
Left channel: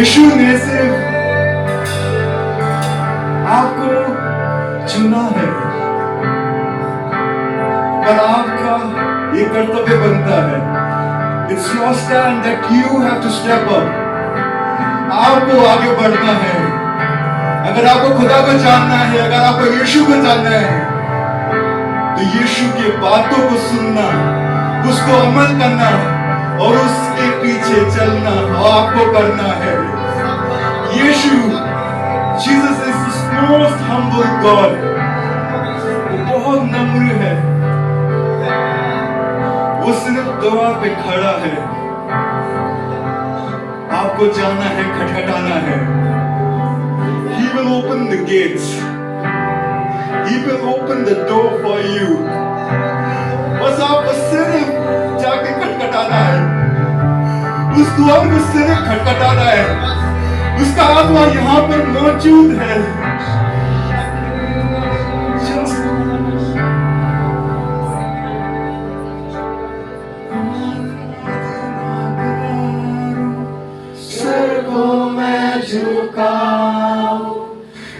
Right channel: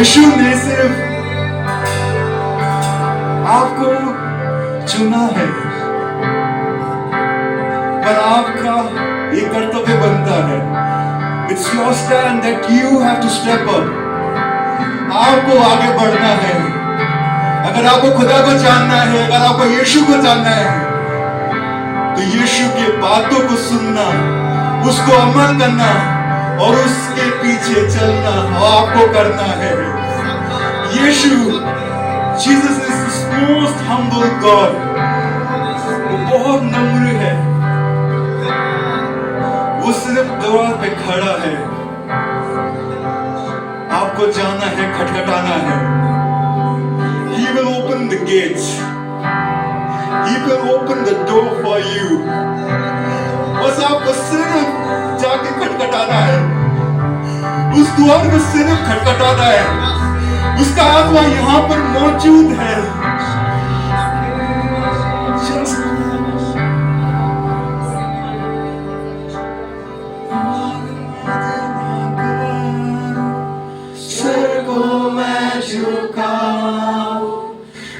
यीशु ने सिर्फ आपको चुना है, पर आपका ये कर्तव्य बनता है। It's your stand that you have to step up. आपको आगे बढ़ना है। अगर आपको खुदा को जानना है, अगर आपको यीशु को जानना है, तो यीशु की बातों को सुनना, उसको अमल करना और उसके पीछे चलना आपको करना है। यीशु, Jesus is the most humble God. वो बहुत नम्र है। वो सिर्फ द्वार पे खड़ा है। आपको जाना है, खटखटाना है। He will open the gates. He will open the door for you. बस आपको सिर्फ जाके खटखटाना है। उस द्वार में सिर्फ खटखटाना है। उसका आत्मा यहाँ पर मौजूद है। सर को मैं झुकाऊं,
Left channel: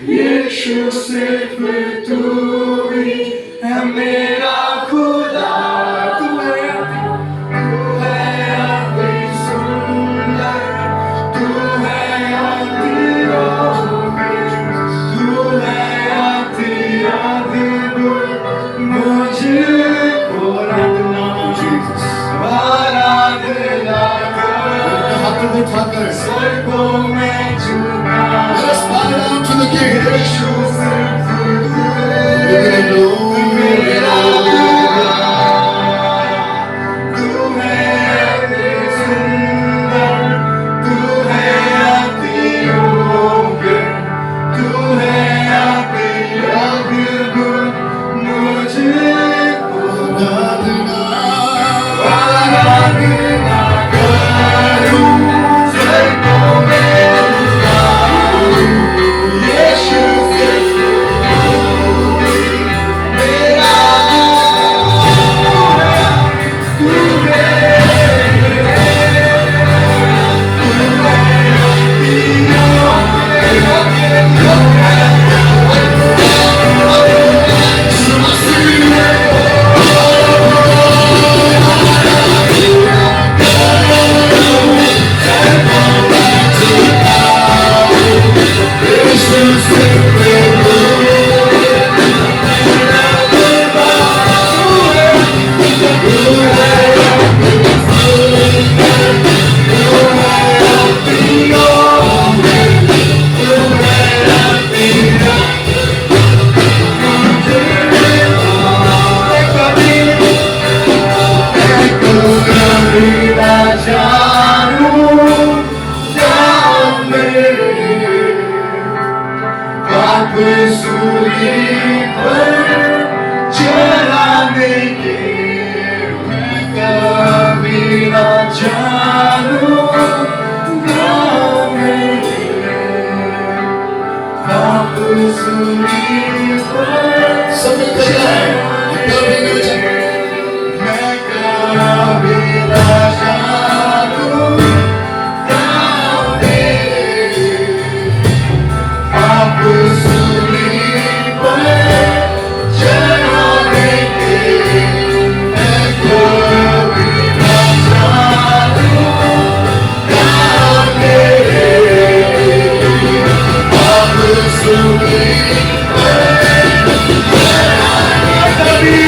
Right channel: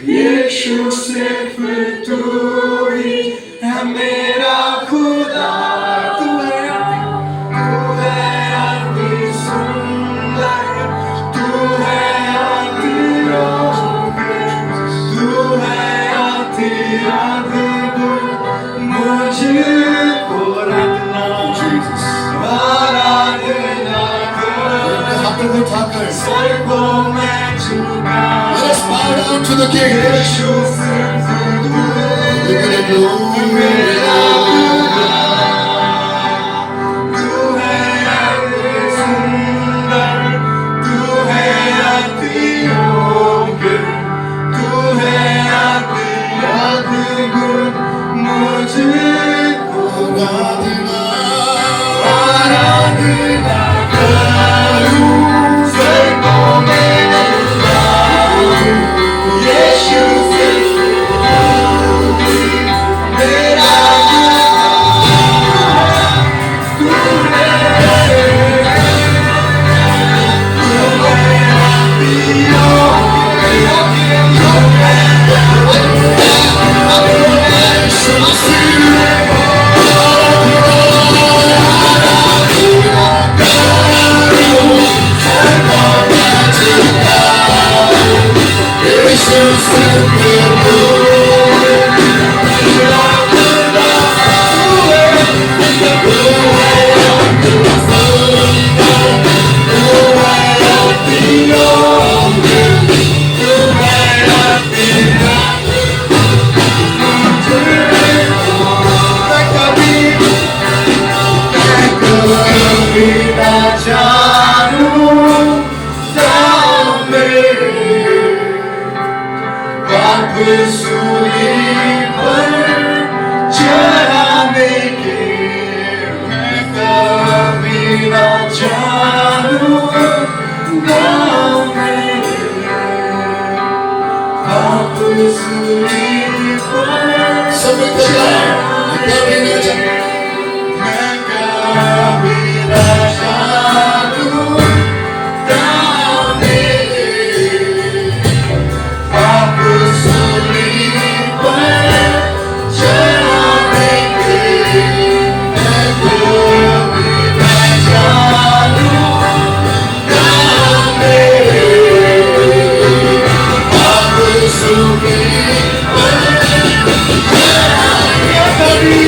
यीशु सिर्फ तू ही है मेरा खुदा। Let us bow down to the King. तू है सूली पर चढ़ाने के मैं कभी न जानूंगा मेरे आप सूली पर सब कभी न जाने मैं कभी न जानूंगा मेरे आप सूली पर चढ़ाने के मैं कभी न जानूंगा मेरे आप सूली पर कभी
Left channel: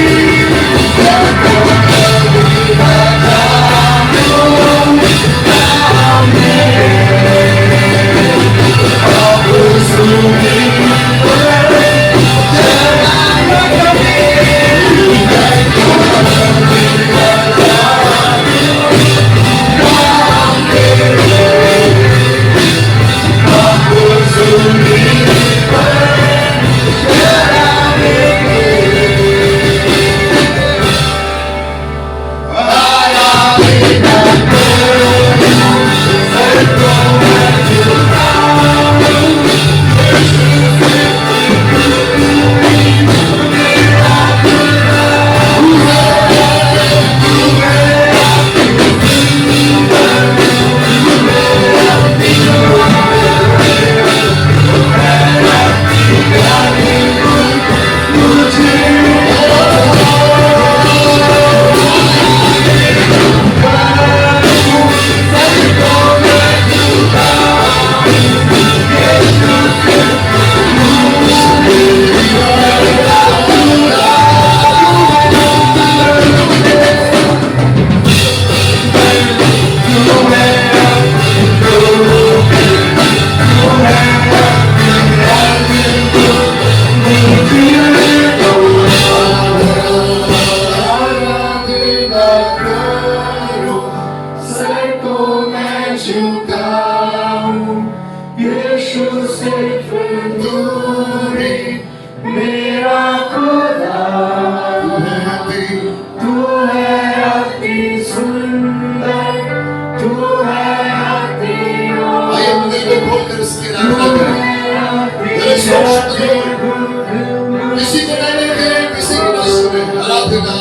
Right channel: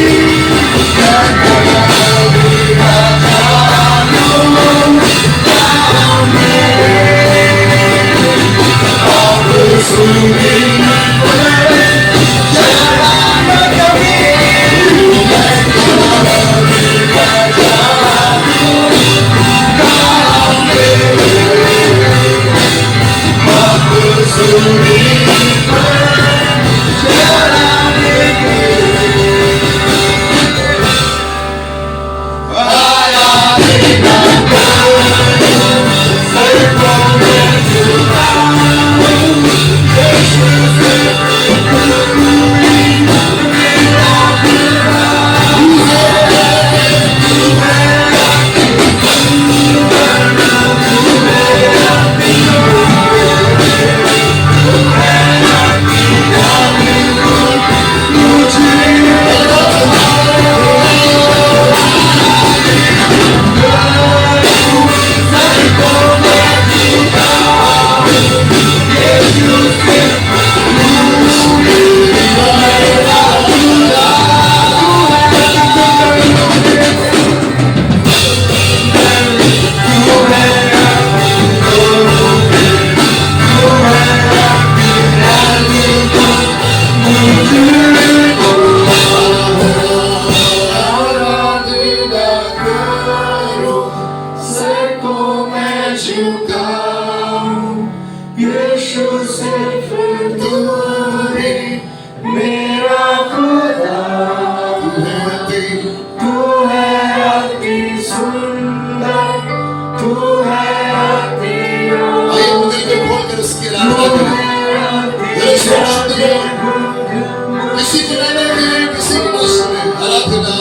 किसी को न देखे किसी को न सुने आराधना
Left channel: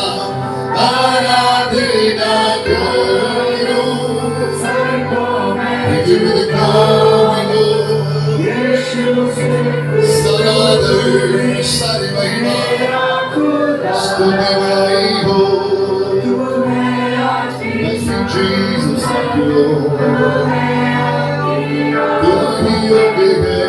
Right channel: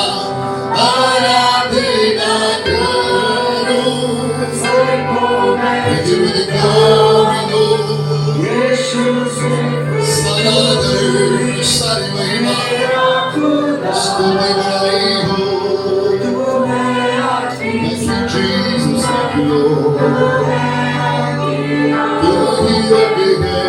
आराधना करो give me the glory Lord सारा आदर सारी महिमा स्तुति बड़ाई हो thank you Jesus thank you Lord तू ही योग्य है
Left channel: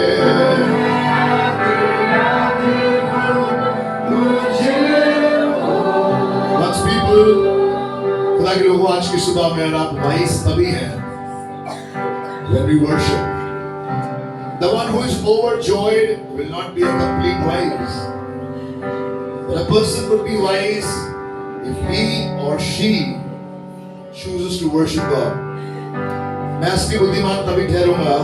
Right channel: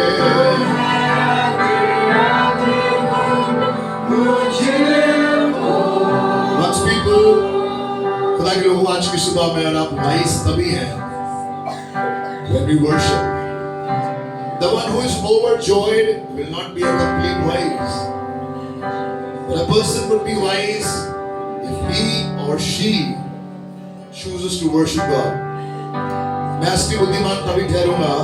खुदा के लोगों आज की सुबह में आप वाइस तभी हैं when we worship. The one who is overjoyed will not be a complete wise. But a person would be wise if he or she chooses to worship God. मैं असली बुद्धिमान तभी ठहरूंगा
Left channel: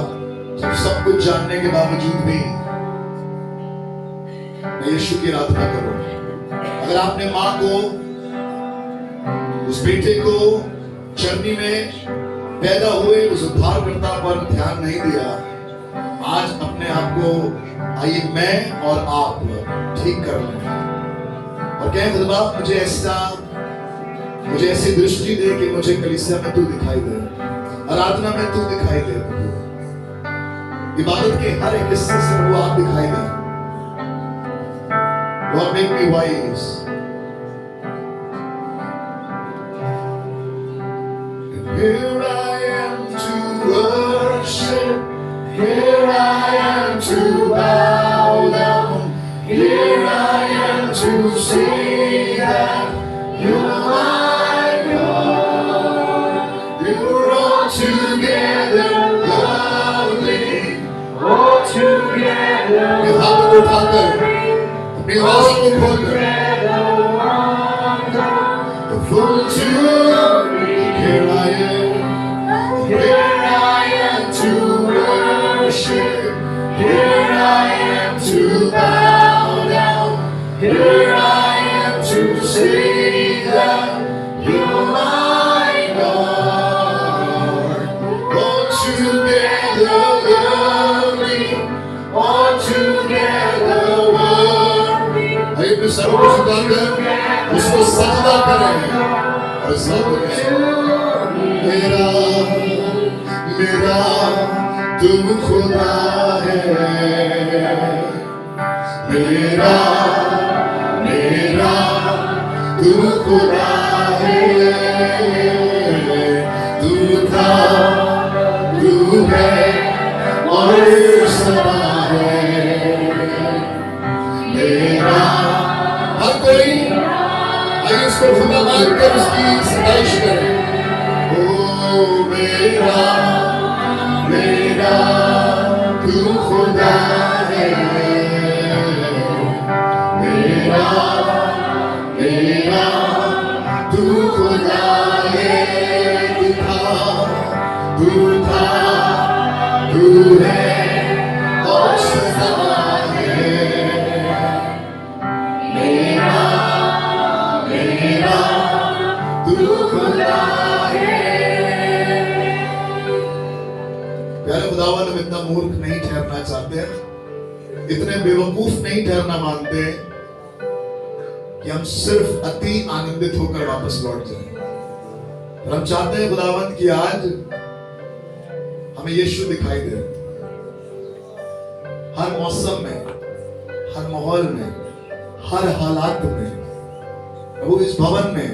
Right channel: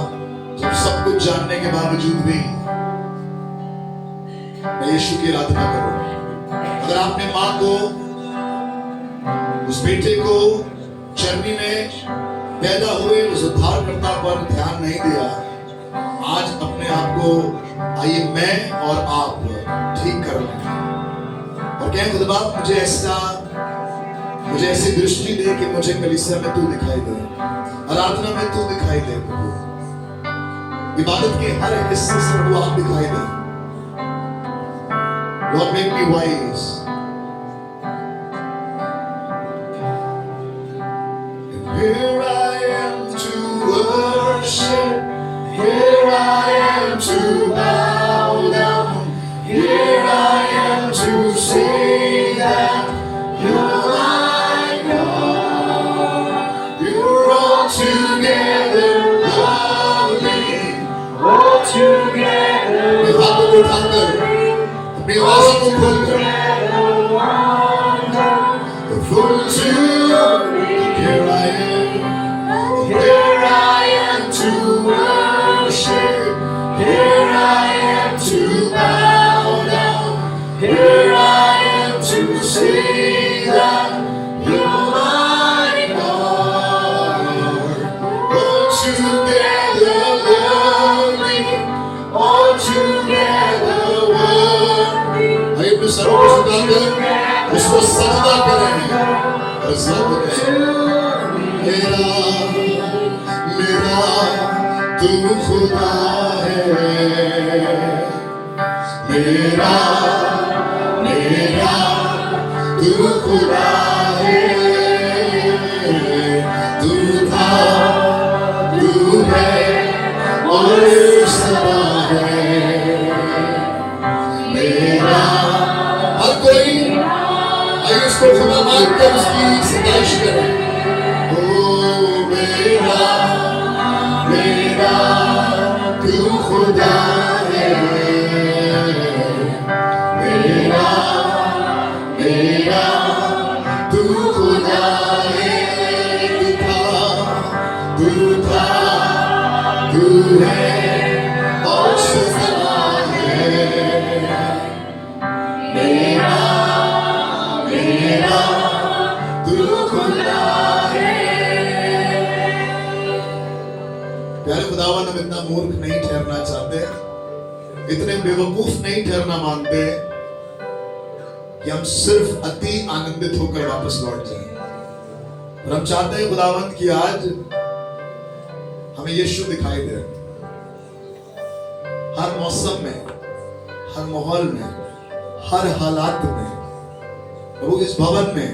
जब सब कुछ जानने के बावजूद भी मैं यीशु की आराधना करूं। अगर आपने माँ को उस बेटे को चरनी में पैदा हुए उस उद्धारकर्ता पर ध्यान नहीं दिया, आज अपने आप को आइए मैं और आप ठीक कर लें और कहें खुदा मुझे ऐसी दृष्टि दे कि मुझे कलीसिया में तू दिखाई दे, आराधना में तू दिखाई दे, इबादत के हर एक हिस्से से वो आप दिखाई दे। Lord, make me wise. Here I am to worship, here I am to bow down, here I am to say that you're my God. You're all together lovely, all together अपनी आवाज़ों को खोलकर full to here I am to worship, here I am to bow down. Here I am to say that you're my Lord. Altogether lovely, altogether worthy. आइए अपने सरों को झुकाकर उसको सजदा करें और सब कहें मेरा मेरा तू खुदा है, मेरा मेरा तू खुदा है, तू था तू है और सदा है मेरा। हर कोई आइए उसको खुदा मानकर उसकी सताइश करें। ओ मेरा मेरा तू खुदा है, मेरा मेरा तू खुदा है, तू था तू है और सदा है मेरा मेरा तू खुदा है। प्यारे खुदावन, हम इतना मूर्ख नहीं ठहरना चाहते, इतने बेवकूफ नहीं ठहरना मांगते कि हम सिर्फ अति आनंदित होकर वापस लौट जाएं। और हम चाहते हैं खुदावन कि आज हमें यीशु दिखाई दे, हर मौसम में, हर माहौल में, हर हालात में। प्रभु इस भवन में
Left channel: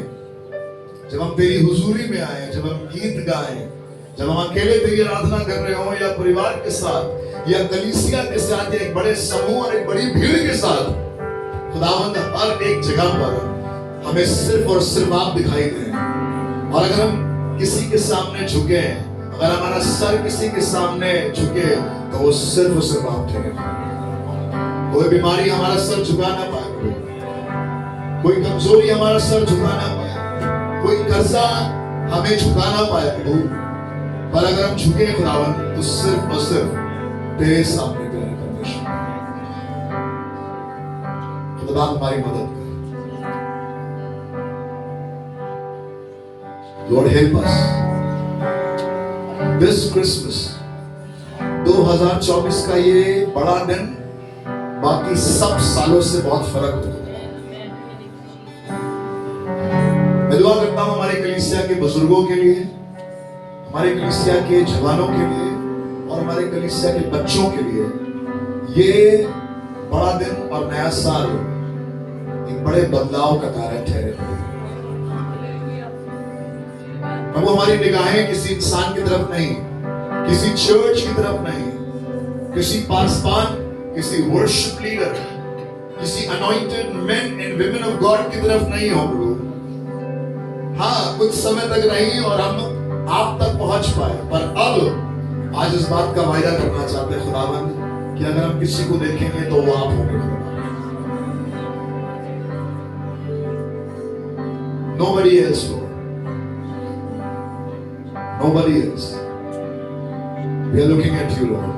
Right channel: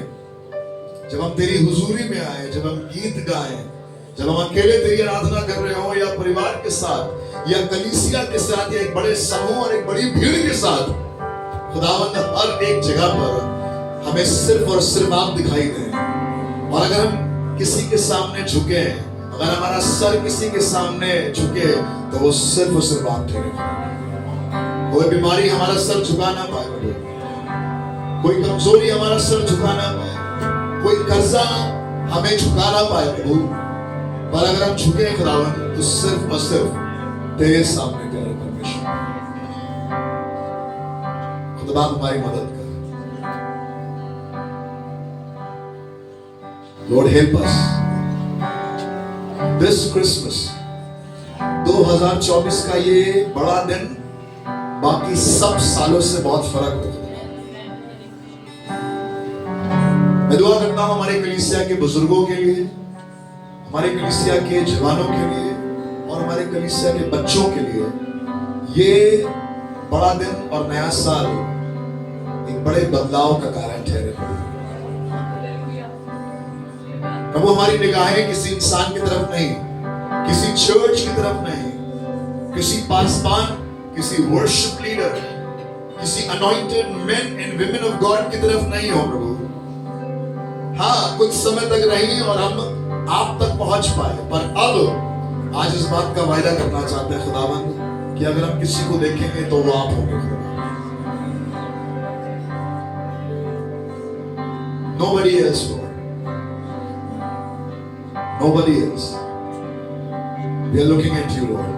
जब हम तेरी हुजूरी में आए, जब हम गीत गाएं, जब हम अकेले तेरी आराधना कर रहे हो या परिवार के साथ या कलीसिया के साथ या एक बड़े समूह और एक बड़ी भीड़ के साथ, खुदावंद हर एक जगह पर हमें सिर्फ और सिर्फ आप दिखाई दें। और अगर हम किसी के सामने झुके, अगर हमारा सर किसी के सामने झुके, तो वो सिर्फ और सिर्फ आप ठहरे। कोई बीमारी हमारा सर झुका ना पाए, कोई कमजोरी हमारा सर झुका ना पाए, कोई कर्जा हमें झुका ना पाए प्रभु। पर अगर हम झुके खुदावन, तो सिर्फ और सिर्फ तेरे सामने तेरे परमेश्वर। खुदा हमारी मदद कर। Lord help us this Christmas 2024 का ये बड़ा दिन बाकी सब सालों से बहुत फर्क है। मैं दुआ करता हूं हमारे कलीसिया के बुजुर्गों के लिए, हमारे कलीसिया के जवानों के लिए और हमारे कलीसिया के बच्चों के लिए ये बड़ा दिन और नया साल एक बड़े बदलाव का कारण ठहरे। प्रभु हमारी निगाहें किसी इंसान की तरफ नहीं, किसी चर्च की तरफ नहीं, किसी पासवान, किसी वर्शिप लीडर, किसी anointed main and women of God की तरफ नहीं हो प्रभु। हाँ, कुछ समय तक रही और हम आप तक पहुंच पाए, पर अब आज इस बात का वायदा करना चाहते हैं खुदावंद कि अगर हम किसी को देखेंगे तो वो आप होंगे। Nobody else, Lord. Nobody else. We are looking at you, Lord.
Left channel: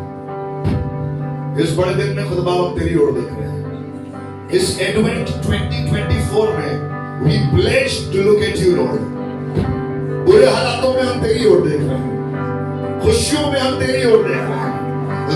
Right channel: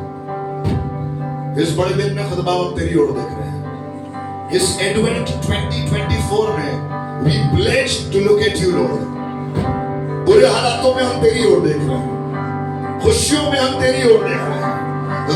इस बड़े दिन में खुदा हम तेरी ओर देख रहे हैं। इस Advent 2024 में we pledge to look at you, Lord. बुरे हालातों में हम तेरी ओर देख रहे हैं, खुशियों में हम तेरी ओर देख रहे हैं,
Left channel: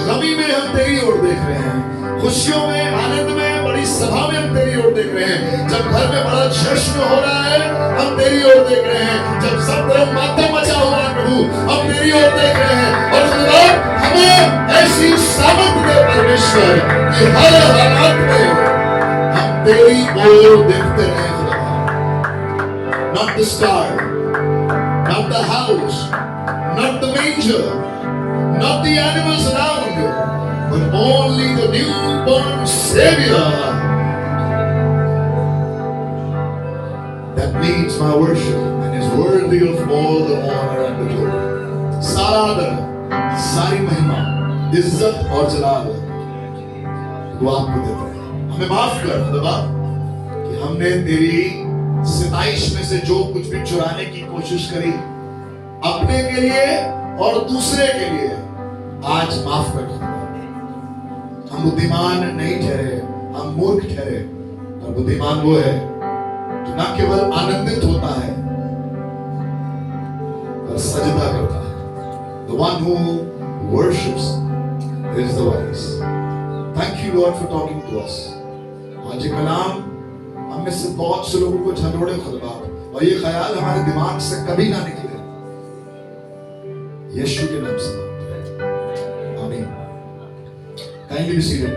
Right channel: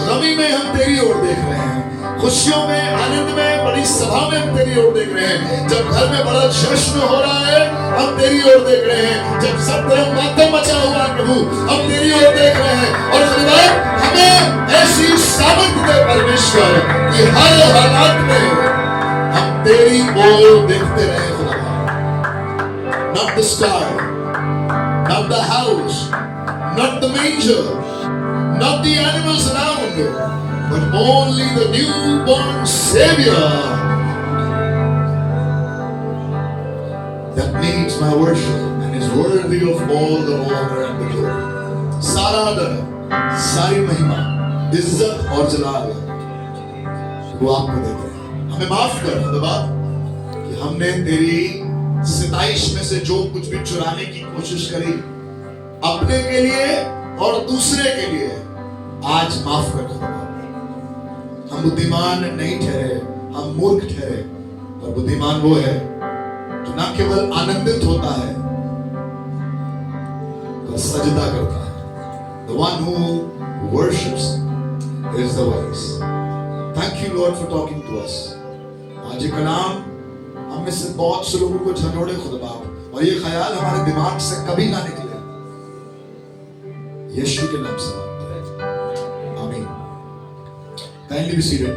गमी में हम तेरी ओर देख रहे हैं, खुशियों में, आनंद में, बड़ी सभा में हम तेरी ओर देख रहे हैं। जब घर में बड़ा जश्न हो रहा है हम तेरी ओर देख रहे हैं। जब सब तरफ मातम मचा हुआ है प्रभु हम तेरी ओर देख रहे हैं। और खुदा हमें ऐसी सामर्थ दे परमेश्वर कि हर हालात में हम तेरी ओर देखते रहे खुदा। Not the star, not the house, not the manger, not the animals around, but only the newborn Savior that needs my worship and is worthy of all the honor and the glory. सारा आदर, सारी महिमा, इज्जत और जलाल वो आपको देते हैं। हमें माफ कर खुदा कि हमने तेरी सिताइश में से जो कुछ भी चुराने की कोशिश करी अपने के लिए और दूसरे के लिए, आज माफ कर खुदा। हम हम बुद्धिमान नहीं ठहरे, हम मूर्ख ठहरे, पर बुद्धिमान वो है जो न केवल आनंदित होता है पर सजदा करता है. The one who worships is the wise. Thank you Lord for talking to us. आज ये कलाम हम में से बहुत से लोगों को झंझोड़े खुद बाप, और ये ख्याल हमारे दिमाग से कभी ना निकले. यीशु के नाम से आमीन. Kindly be seated.